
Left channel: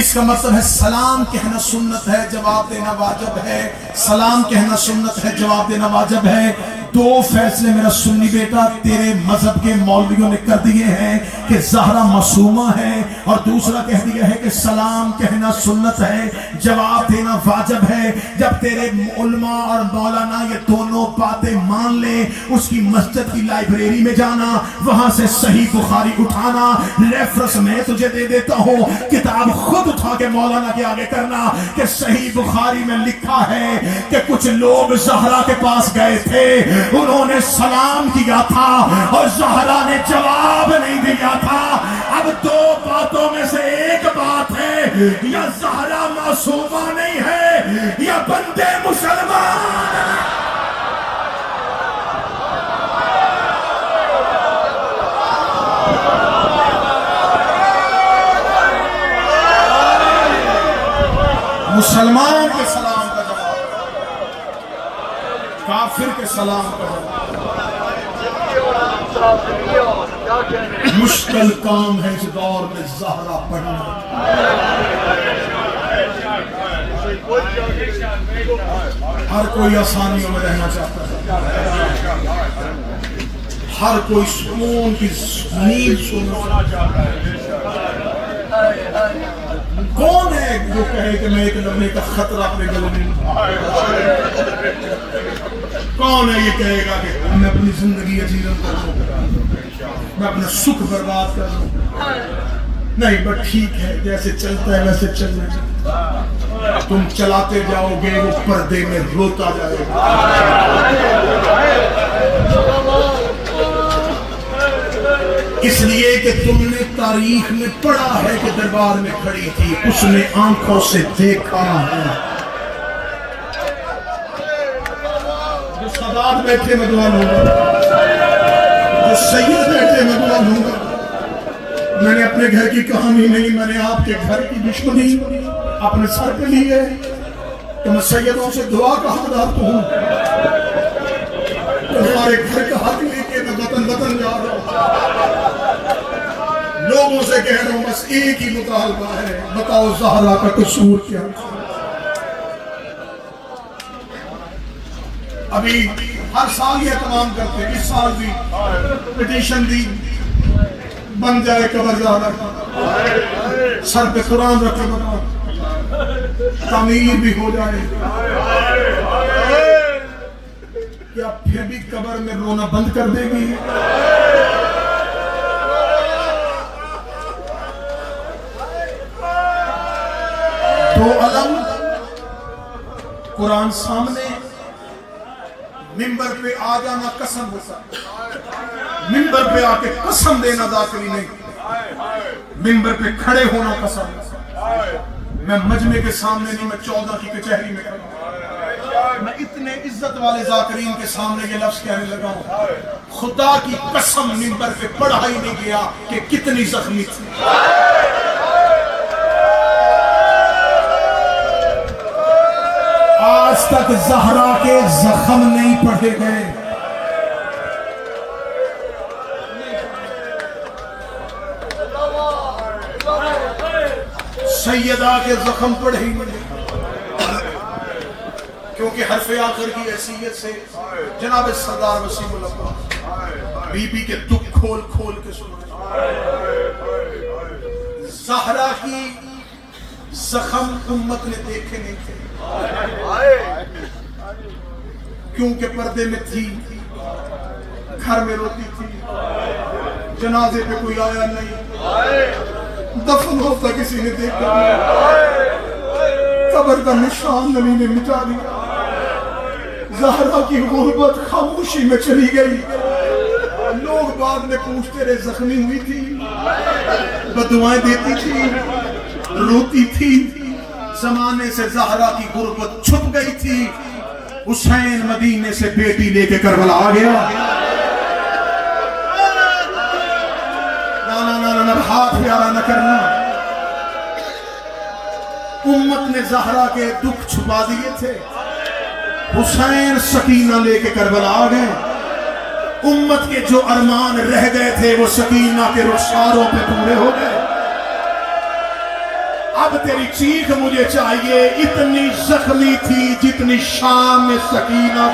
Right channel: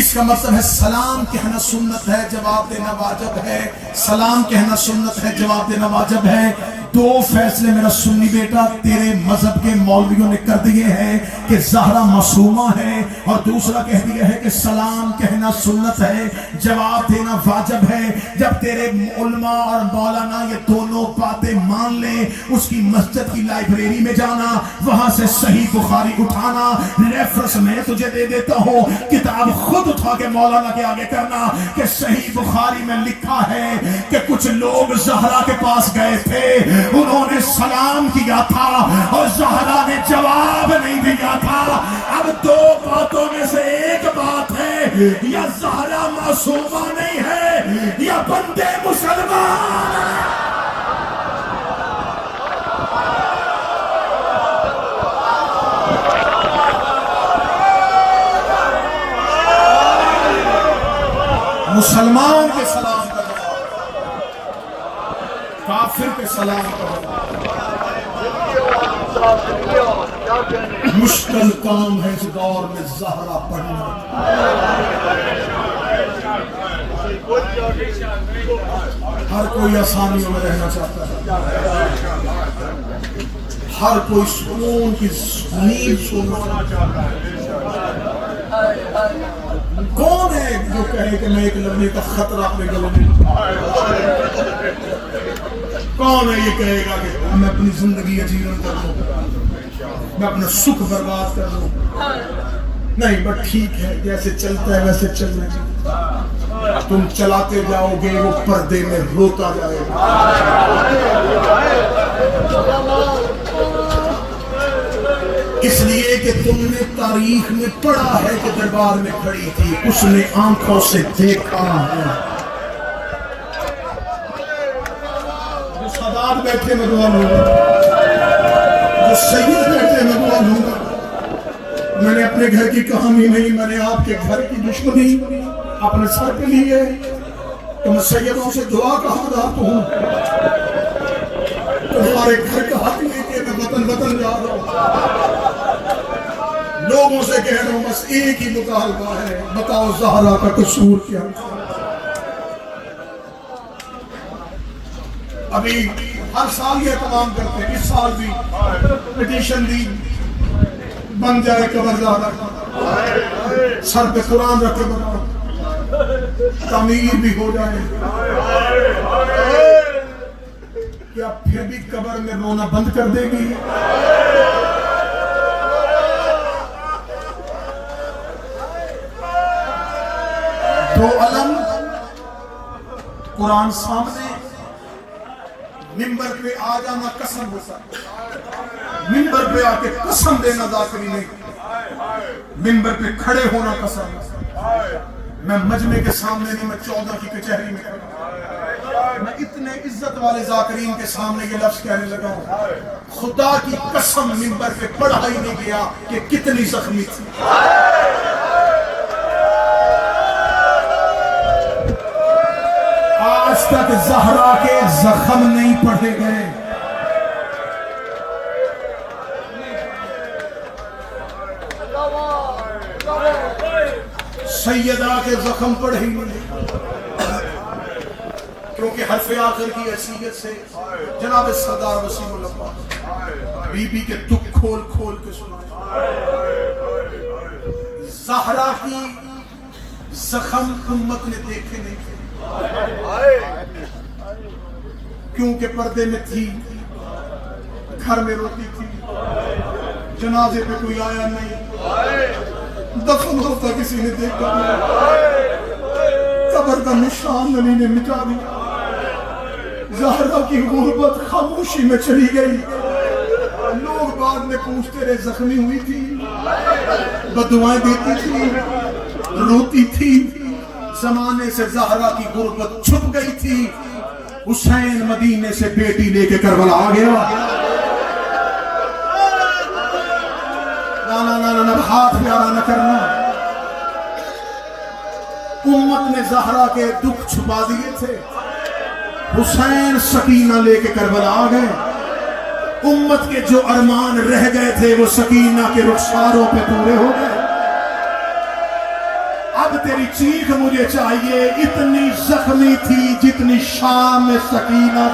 اس کا مطلب ہے سلام کہنا سنت ہے, جواب دینا واجب ہے. سلام کہنا سنت ہے, جواب دینا واجب ہے. دو فیصلے میرا سنی بیٹا تیرے مذہب کے مولویوں نے کر دیے ہیں کہ زہرا معصومہ ہے, اور دوسرا کہہ دیا ہے کہ سلام کہنا سنت ہے, جواب دینا واجب ہے. جب تیرے علماء اور مولانا یہ دونوں باتیں مان لیں, اس کی مسجد کی لائبریری میں جانا, وہاں سے صحیح بخاری اٹھانا, ریفرنس میں تجھے دے دیتا ہوں, کتاب خود اٹھا کے مولانا کے آگے کرنا کہ صحیح بخاری میں لکھا ہے کہ کچھ لوگ زہرا کے پاس گئے تھے, انہوں نے سلام کیا تھا اور زہرا نے جواب یا زہرا معصومہ نہیں ہے یا بندے مسلمان. مسلمان کے سلام کرو, کافر کے سلام کرو. مشکل کام ہے اس دور میں زہرا پڑھنا. ہر کوئی آسانیوں میں رہنا چاہتا ہے, ہر کوئی سکون کی نیند سننا چاہتا ہے. کون ہے جو کہے کہ میں ایک لمحے کا خطرہ اپنے گلے میں, کون ہے یہ کہے گا کہ میں اپنی زندگی اجیرن کر دوں, میں اپنا سکھ برباد کر دوں؟ نہیں, بس ٹھیک ہے, جیسے چلتا ہے ویسے چلنا چاہیے. تم چلاتے جاؤ گے وہ پردے میں روتا جائے گا. اس لیے کہ تم نے تاریخ میں پڑھا ہے کہ دربار میں کھڑی تھی, اس نے آنکھوں سے دیکھا ہے. جو سادات بیٹھے میں دعا لوں گا, جو سید بیٹھے میں دعا لوں گا. میں نے اپنے گھر کی کہانی نہیں, میں نے آپ کے گھر کی دشمنی اپنے سر پہ لی ہے کہ میں سیدوں سے دعا کا حقدار تو ہوں. تمہارے گھر کا حق لے کے میں وطن وطن جا رہا ہوں. لوگوں سے کہہ رہا ہوں بس ایک ہی مطالبہ ہے, بتاؤ زہرا کا قصور کیا؟ ابھی ہر سال یہ اہتمام کرتے ہیں, اس سال بھی پٹیشن دی بن جائے قبر زہرا, سر پہ قرآن رکھے بنا, تعمیر بھی ہو جائے. کیا پھر بھی قبر میں رونا بند کر دے گی؟ دو علم قرآن سامنے, منبر پہ آ جانا قسم ہو سکتا, منبر پہ آ کے قسم دینا ذاکری نہیں, منبر پہ کھڑے ہونا قسم. میں مجمع کے سامنے نہیں, میں 14 کی کچہری میں کھڑا, میں اتنے عزت والے ذاکرین کے سامنے یہ لفظ کہنے لگا, خدا کی قسم منبر پہ پڑھا ہی نہیں گیا کہ کتنی زخمی تھی. آج تک زہرا کے زخم نہیں پڑھے گئے. سیدہ کے زخم پڑھے ہی نہیں, کیونکہ حرف آخر کی حیثیت سے جناب سردار وسیم العباس بی بی کے دکھ کھول کھول کے سنا. زہرا کی زخم امت نے دیکھے نہیں تھے, کیونکہ پردے میں تھی, گھر میں روتی تھی, جنازے پہ کوئی آیا نہیں, دفن ہوتا کسی نے دیکھا نہیں, قبر کا نشان علی نے مٹا دیا. زہرا کی غربت خاموشی میں چلی گئی. لوگ بعد میں پوچھتے رہے زخمی ہوئی تھی, بددعائیں دیتی تھی, روتی تھی. زمانے سے زہرا کی غربت چھپ گئی تھی. حسین مدینے سے بیٹی لے کے کربلا آ گیا. نہ ہاتھ پیارا نہ کرنا. امت نے زہرا کے دکھ چھپا دیے تھے, حسین سکینہ لے کے کربلا آ گئے. امت کے جو ارمان رہ گئے تھے وہ سکینہ کے رخساروں پہ پورے ہو گئے. اب تیری چیخ مجھے چاہیے, اتنی زخمی تھی جتنی شام میں سکینہ.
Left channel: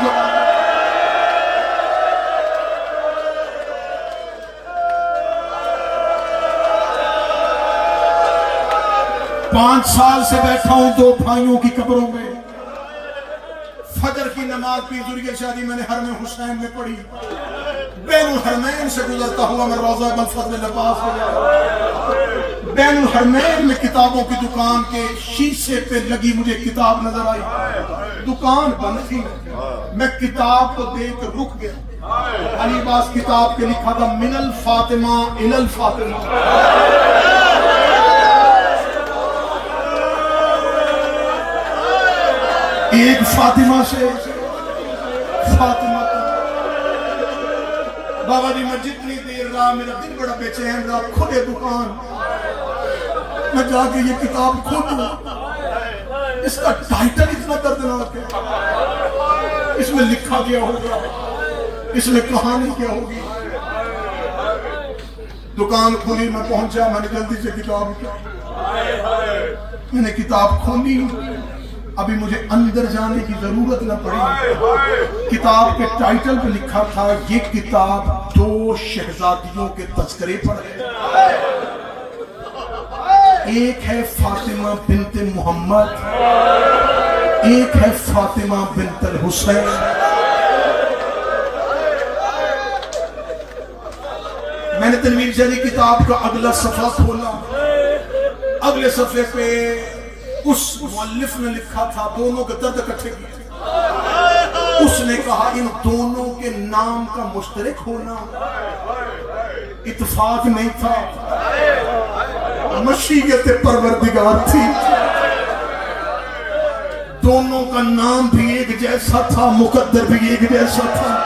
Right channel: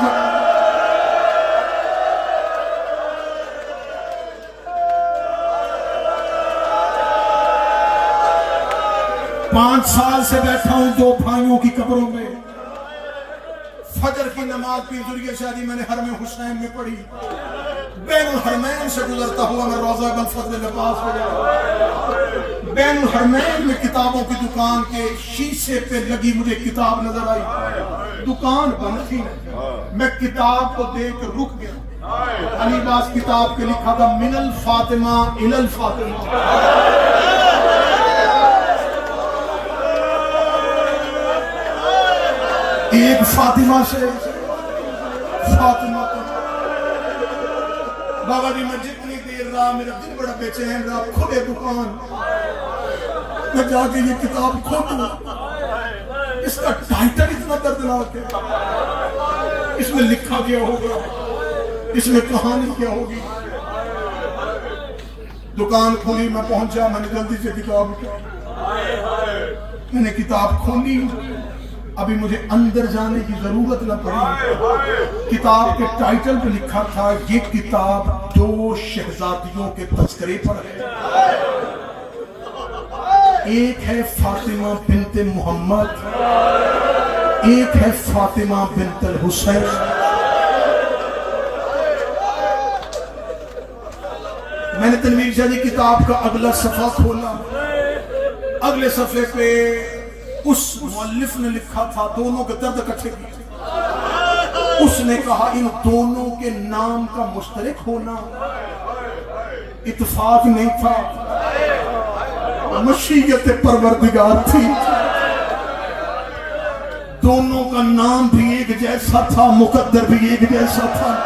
5 سال سے بیٹھا ہوں 2 بھائیوں کی قبروں میں. فجر کی نماز کی ذریعہ شادی میں نے حرم حسین میں پڑھی. بین الحرمین سے گزرتا ہوا میں روضہ بن فضل لباس پہ گیا. بین الحرمین میں کتابوں کی دکان کے شیشے پہ لگی مجھے کتاب نظر آئی. دکان بند تھی, میں کتاب کو دیکھ کر رک گیا. علی باس کتاب کے لکھا تھا من الفاطمہ الی الفاطمہ. ایک فاطمہ سے فاطمہ بابا جی میں جتنی دیر رہا میرا دل بڑا بے چین رہا کھلے دکان میں جا کے یہ کتاب کھولوں اس کا ٹائٹل اتنا دردناک ہے اس میں لکھا کیا ہوگا اس میں کہانی کیا ہوگی دکان کھلی میں پہنچا میں نے جلدی سے کتاب میں نے کتاب کھولی ابھی مجھے اندر جانے کی ضرورت نہ پڑی کتاب کے ٹائٹل پہ لکھا تھا یہ کتاب 2 شہزادیوں کے تذکرے پر ہے ایک ہے فاطمہ بنت محمد ایک ہے فاطمہ بنت الحسین میں نے تنویر شاہ جی کتاب کا اگلا صفحہ کھولا اگلے صفحے پہ اس مؤلف نے لکھا تھا دونوں کے درد اکٹھے کیے اس نے کہا ان دونوں کے نام کا مشترک ہونا اتفاق نہیں تھا مشیت پروردگار تھی دونوں کا نام بھی ایک جیسا تھا مقدر بھی ایک جیسا تھا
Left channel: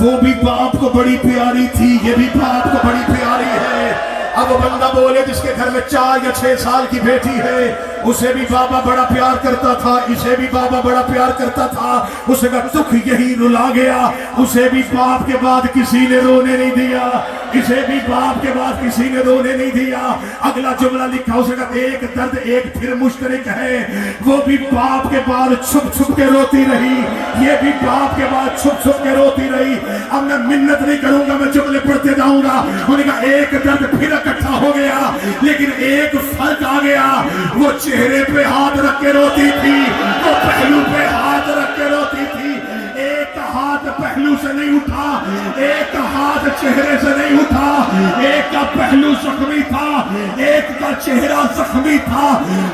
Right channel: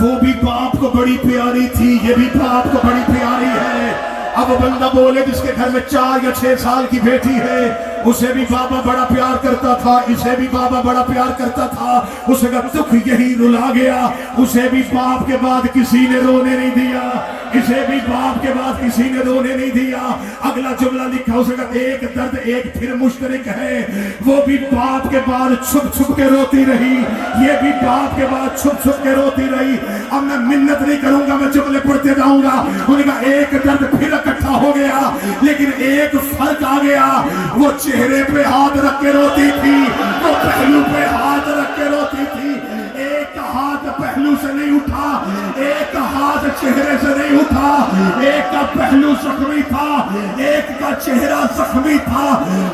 وہ بھی باپ کو بڑی پیاری تھی یہ بھی باپ کو بڑی پیاری ہے اب بندہ بولے جس کے گھر میں 4 یا 6 سال کی بیٹی ہے اسے بھی بابا بڑا پیار کرتا تھا اسے بھی بابا بڑا پیار کرتا تھا اسے کا دکھ یہی رلا گیا اسے بھی باپ کے بعد کسی نے رونے نہیں دیا اسے بھی باپ کے بعد کسی نے رونے نہیں دیا اگلا جملہ لکھا اسے کا ایک درد ایک پھر مشترک ہے وہ بھی باپ کے بعد چھپ چھپ کے روتی رہی یہ بھی باپ کے بعد چھپ چھپ کے روتی رہی اب میں منت نہیں کروں گا میں جملے پڑھتے جاؤں گا انہوں نے کہا ایک درد پھر اکٹھا ہو گیا لیکن ایک فرق آ گیا وہ چہرے پہ ہاتھ رکھ کے روتی تھی وہ پہلو پہ ہاتھ رکھ کے روتی تھی ایک ہاتھ پہلو سے نہیں اٹھا ایک ہاتھ چہرے سے نہیں اٹھا ایک کا پہلو زخمی تھا ایک کا چہرہ زخمی تھا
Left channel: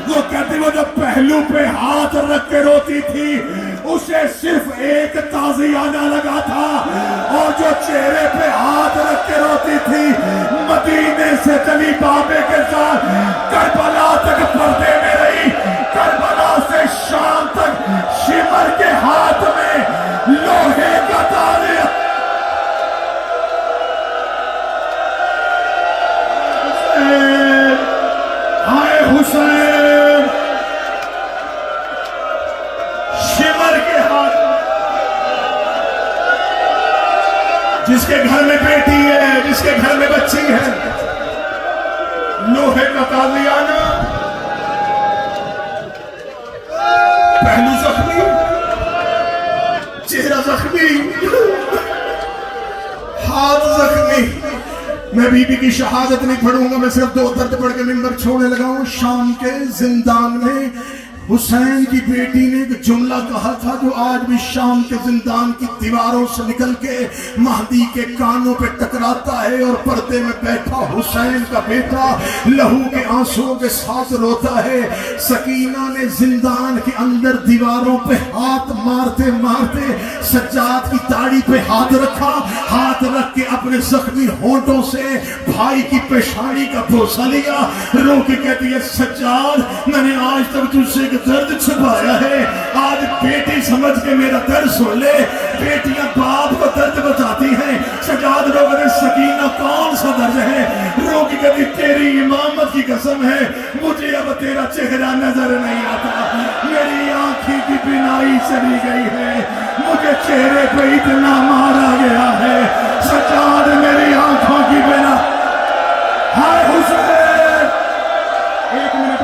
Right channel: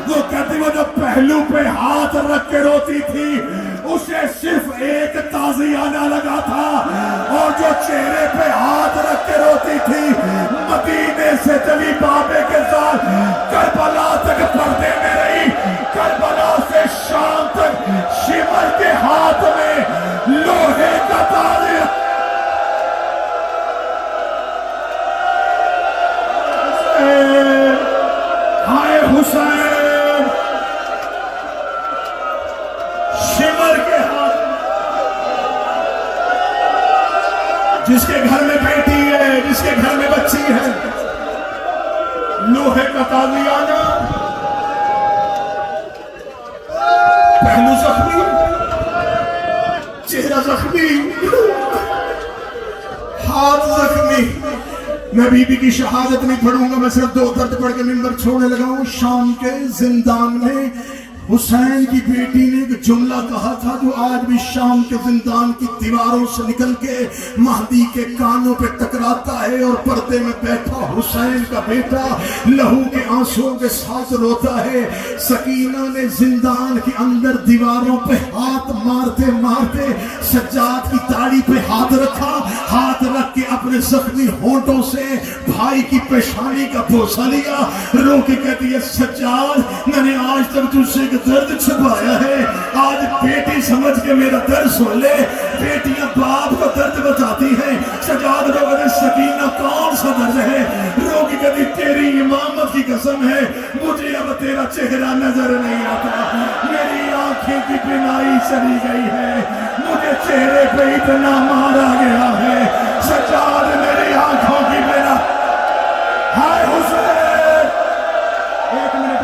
وہ کہتے وہ جو پہلو پہ ہاتھ رکھ کے روتی تھی اسے صرف ایک تازیانہ لگا تھا اور جو چہرے پہ ہاتھ رکھ کے روتی تھی مدینے سے چلی بابے کے ساتھ کربلا تک پردے میں رہی کربلا سے شام تک شمر کے ہاتھ میں لوہے کا تالیا ہائے حسین شمر کے ہاتھ جس کے گھر میں بیٹی ہے جس کے گھر میں بچی ہے لوہے کا تالیانہ پہلو زخمی چہرہ زخمی ہاتھ زخمی میں بی بی کی شہادت نہیں پڑھوں گا میں صرف 2 درد پڑھ کے منبر چھوڑنے لگا ہوں شام کے زندان میں حسین کی بیٹی نے ایک جملہ کہا تھا جو آج بھی شام کے زندان کی دیواروں سے نکل کے مہدی کے کانوں پہ ٹکراتا ہے اور پردے میں بیٹھا حسین کا بیٹا لہو کے آنسوں کے ساتھ روتا ہے سکینہ نے زندان کے اندر دیواروں پہ ہاتھ مارتے مارتے سجاد کی داڑھی پہ ہاتھ رکھا ہاتھ رکھ کے اپنے زخمی ہونٹوں سے بھائی کی پیشانی کا بوسہ لیا رو کے کہتی ہے سجاد میں نے آج تک تجھ سے درد چھپایا ہے آج بیٹی سمجھ کے میرا درد سن لے بیٹیاں باپ کو درد بتاتی ہیں سجاد لوگوں نے سکینہ کون سا درد ہے رو کی کبھی تیری امامت کی قسم ہے مجھے اب تیرا چہرہ نظر نہیں آتا میری آنکھیں کی بینائی چلی گئی ہے مجھے چہرے پہ اتنا مارا گیا ہے سجاد میری آنکھوں کی بینائی ہائے حسین ایک منٹ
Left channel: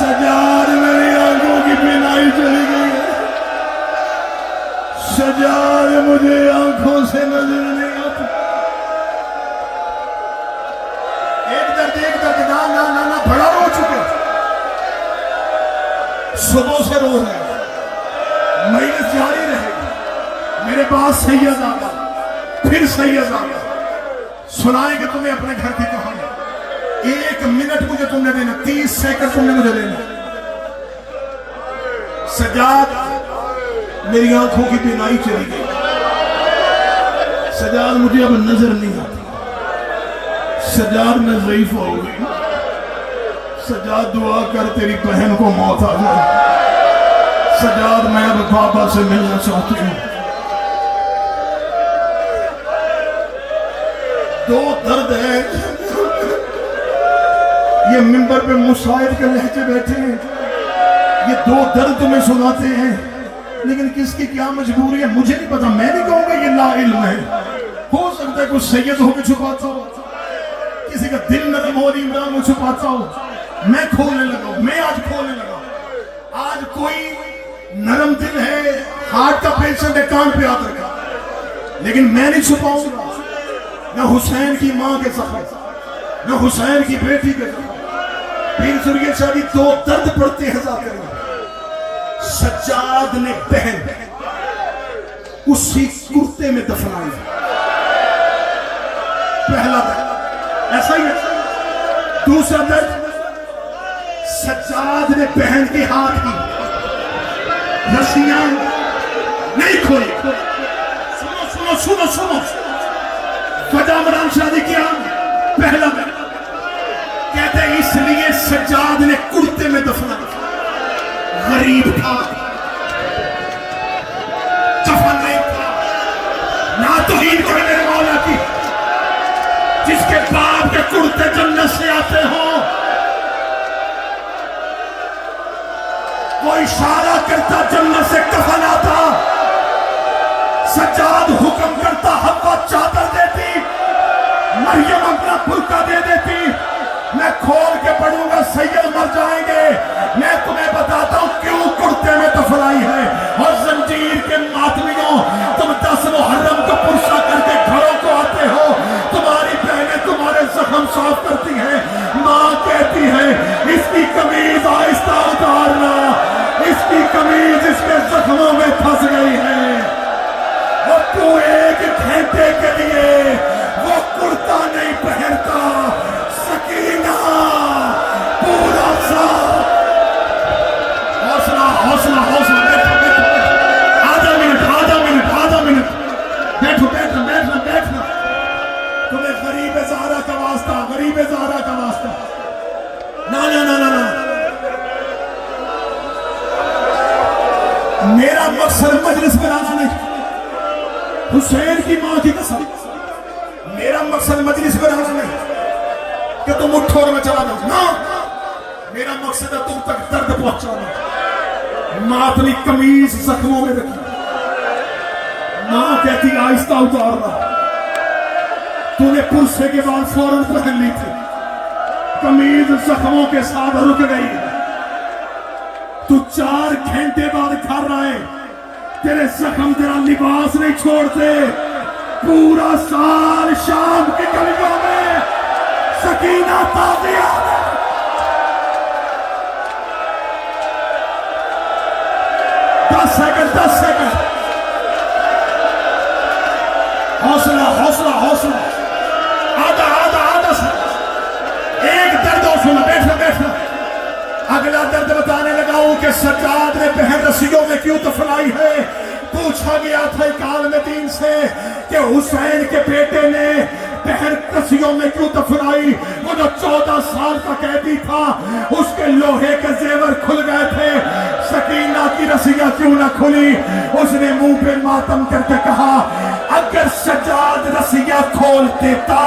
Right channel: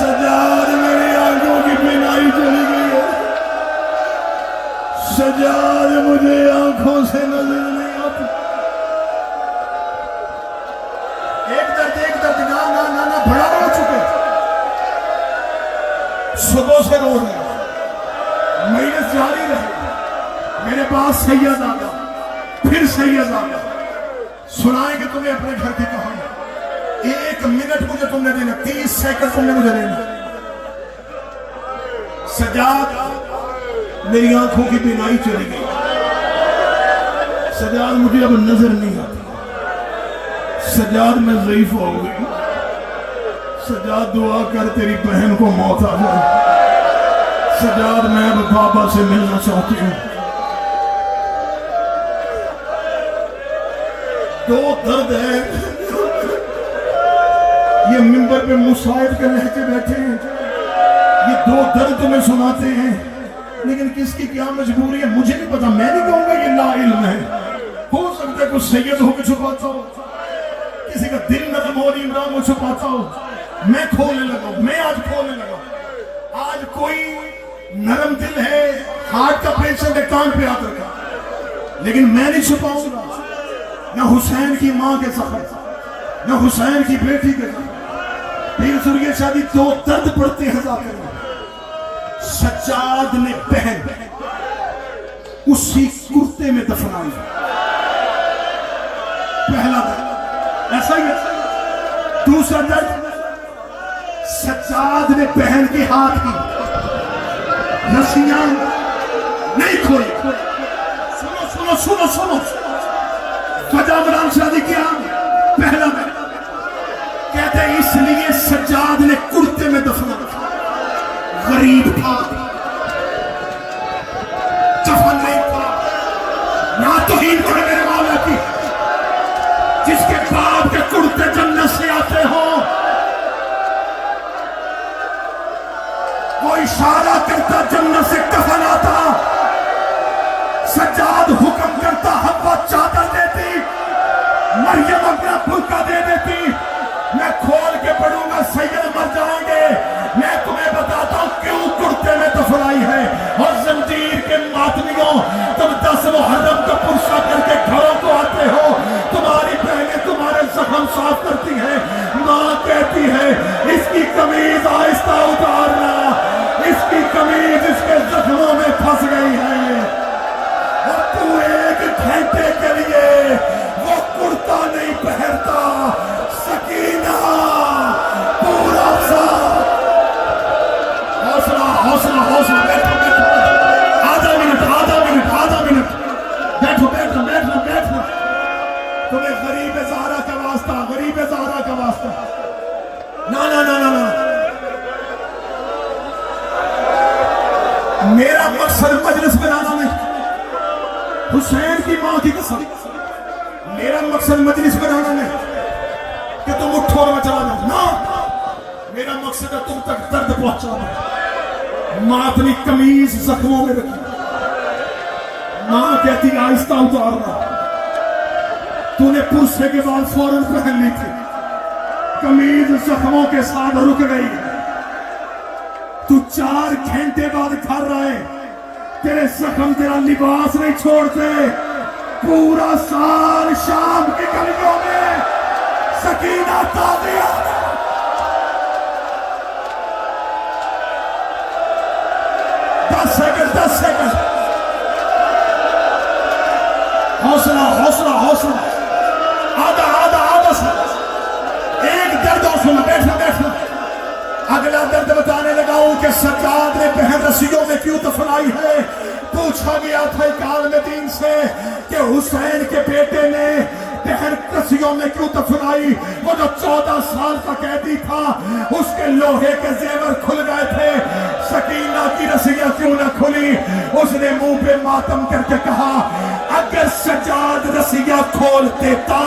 سجاد میری آنکھوں کی بینائی چلی گئی ہے سجاد مجھے آنکھوں سے نظر نہیں آتا ایک درد نا بڑا رو چکے صبح سے رو رہے محنت جاری رہے میرے پاس سید آگا پھر سید آگا سنائیں گے تمہیں اپنے گھر کی کہانی 1 منٹ مجھے تم نے دینا 30 سیکنڈ تم نے مجھے دینا سجاد میری آنکھوں کی بینائی چلی گئی سجاد مجھے اب نظر نہیں آتی سجاد میں ضعیف ہو گئی سجاد دعا کر تیری بہن کو موت آ جائے. سجاد میں اب بابا سے ملنا چاہتی ہوں. دو درد ہے. یہ ممبر پہ مصائب کے لہجے بیٹھے ہیں, یہ دو درد تمہیں سناتے ہیں, لیکن کس کی کیا مجبوری ہے مجھے نہیں پتا. میں نہیں کہوں گا یہ لا علم ہے. ہو سکتا ہے کوئی سید ہو کے چھپاتا ہو, کسی کا دل نرم ہو عمران کو چھپاتا ہو. میں کھولنے لگا ہوں, میں آج کھولنے لگا ہوں. آج کوئی نرم دل ہے, ہارٹ کا پیشنٹ ہے, کان پہ ہاتھ رکھا, لیکن میں نہیں چھپاؤں گا. نہ حسین کی ماں کے زخم, نہ حسین کی بیٹی کے زخم. پیر سریہ شادی دو درد پڑتے ہیں ذاکر میں. سجاد نے بہن اسی کرتے میں دفنائی. پہلا درد ایسا ہی ہے. دوسرا درد سجاد نے بہن کے ہاتھ کی رسیاں نہیں کھولی. سنو سنو سنو سنو, وجہ عمران شادی کیا؟ پہلا درد کہتے اس لیے سجاد نے کرتے میں دفنائی. غریب تھا, کفن نہیں تھا, نہ توہین کرے میرے مولا کی. جس کے باپ کے کرتے جنت سے آتے ہوں وہ اشارہ کرتا جنت سے کفن آتا. سجاد حکم کرتا حوا چادر دیتی, مریم اپنا برقع دے دیتی. میں کھول کے پڑھوں گا سید مر جائیں گے. میں تمہیں بتاتا ہوں کیوں کرتے میں دفنائی ہے. اور زنجیر کے ماتمیوں, تم 10 محرم کو پرسا کر کے گھروں کو آتے ہو, تمہاری بہنیں تمہارے زخم صاف کرتی ہیں. ماں کہتی ہے اس کی قمیض آہستہ اتارنا, اس کی قمیض اس کے زخموں میں پھنس گئی ہے. اور تو 1 گھنٹے کے لیے وہ کرتا نہیں پہنتا. سکینہ پورا سا حوصلہ حوصلہ حوصلہ. آدھا منٹ بیٹھو بیٹھو بیٹھو بیٹھو. تمہیں غریب زہرا کا واسطہ, غریب زہرا کا واسطہ. نا نا نا نا نا, میرا مقصد مجلس بنانا نہیں. حسین کی ماں کی قسم, میرا مقصد مجلس بنانا نہیں کہ تم اٹھو اور میں چلا جاؤں. نہ, میرا مقصد ہے تم تک درد پہنچانا. ماں اپنی قمیض زخموں میں رکھی. ماں کہتی آہستہ اتارنا. تو نے پرسے کے بعد فوراً پہن لی تھی. قمیض زخموں کے ساتھ رک گئی. تو 4 گھنٹے بعد گھر آئے, تیرے زخم تیرا لباس نہیں چھوڑتے. پورا سال شام کی گلیوں میں سکینہ تازیہ. 10 سیکنڈ. حوصلہ حوصلہ حوصلہ. آدھا سا. ایک درد اور سنو. بیٹھنا. اگلا درد بتانے لگا ہوں کہ سجاد نے بہن رسیوں میں کیوں دفنائی ہے. پوچھا گیا تھا ایک عالم دین سے کہ حسین کے بیٹے نے بہن رسیوں میں کیوں دفنائی. وہ جو 14 سال کا قیدی تھا اس کے لوہے کے زیور کھل گئے تھے, سکینہ کی رسیاں کیوں نہ کھلی. اس نے منہ پہ ماتم کر کے کہا اگر سجاد رسیاں کھول دیتا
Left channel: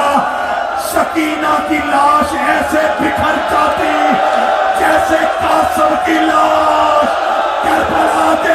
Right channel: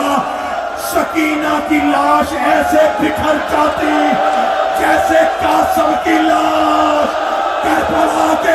سکینہ کی لاش ایسے بکھر جاتی جیسے قاسم کی لاش کربلا کے.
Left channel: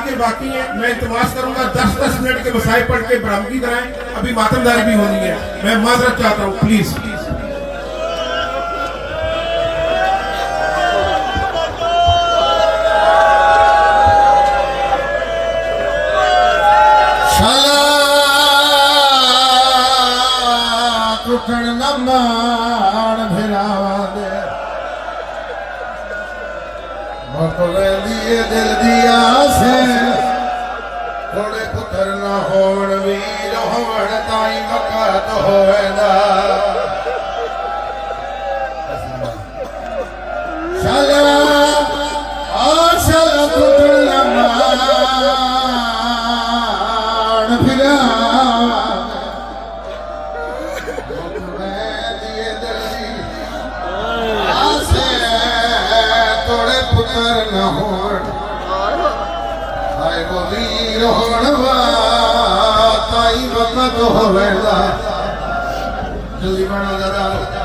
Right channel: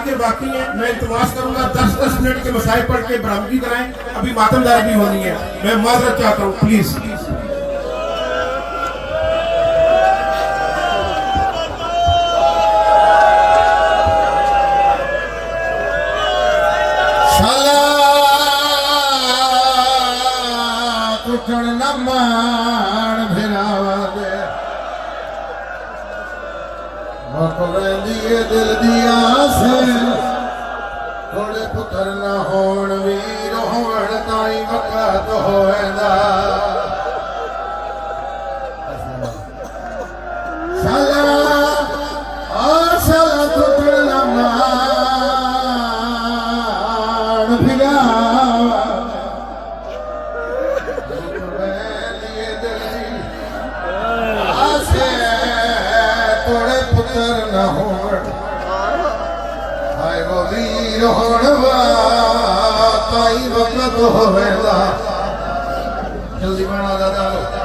ذاکر باقی ہیں، میں التماس کروں گا 10-10 منٹ کے مسائل پڑھ کے برہمگی کرائیں، ابھی ماتمداری بھی ہونی ہے، میں معذرت چاہتا ہوں پلیز. دل دیا سے تھوڑے پتر نہ ہون ویر ہون تائی وقت ہوئے دا شالا آشالا پتر نہ مان پھرا نہ ہون آئے وہ ویر ہون تائی وقت ہوئے دا جلدی بنا دا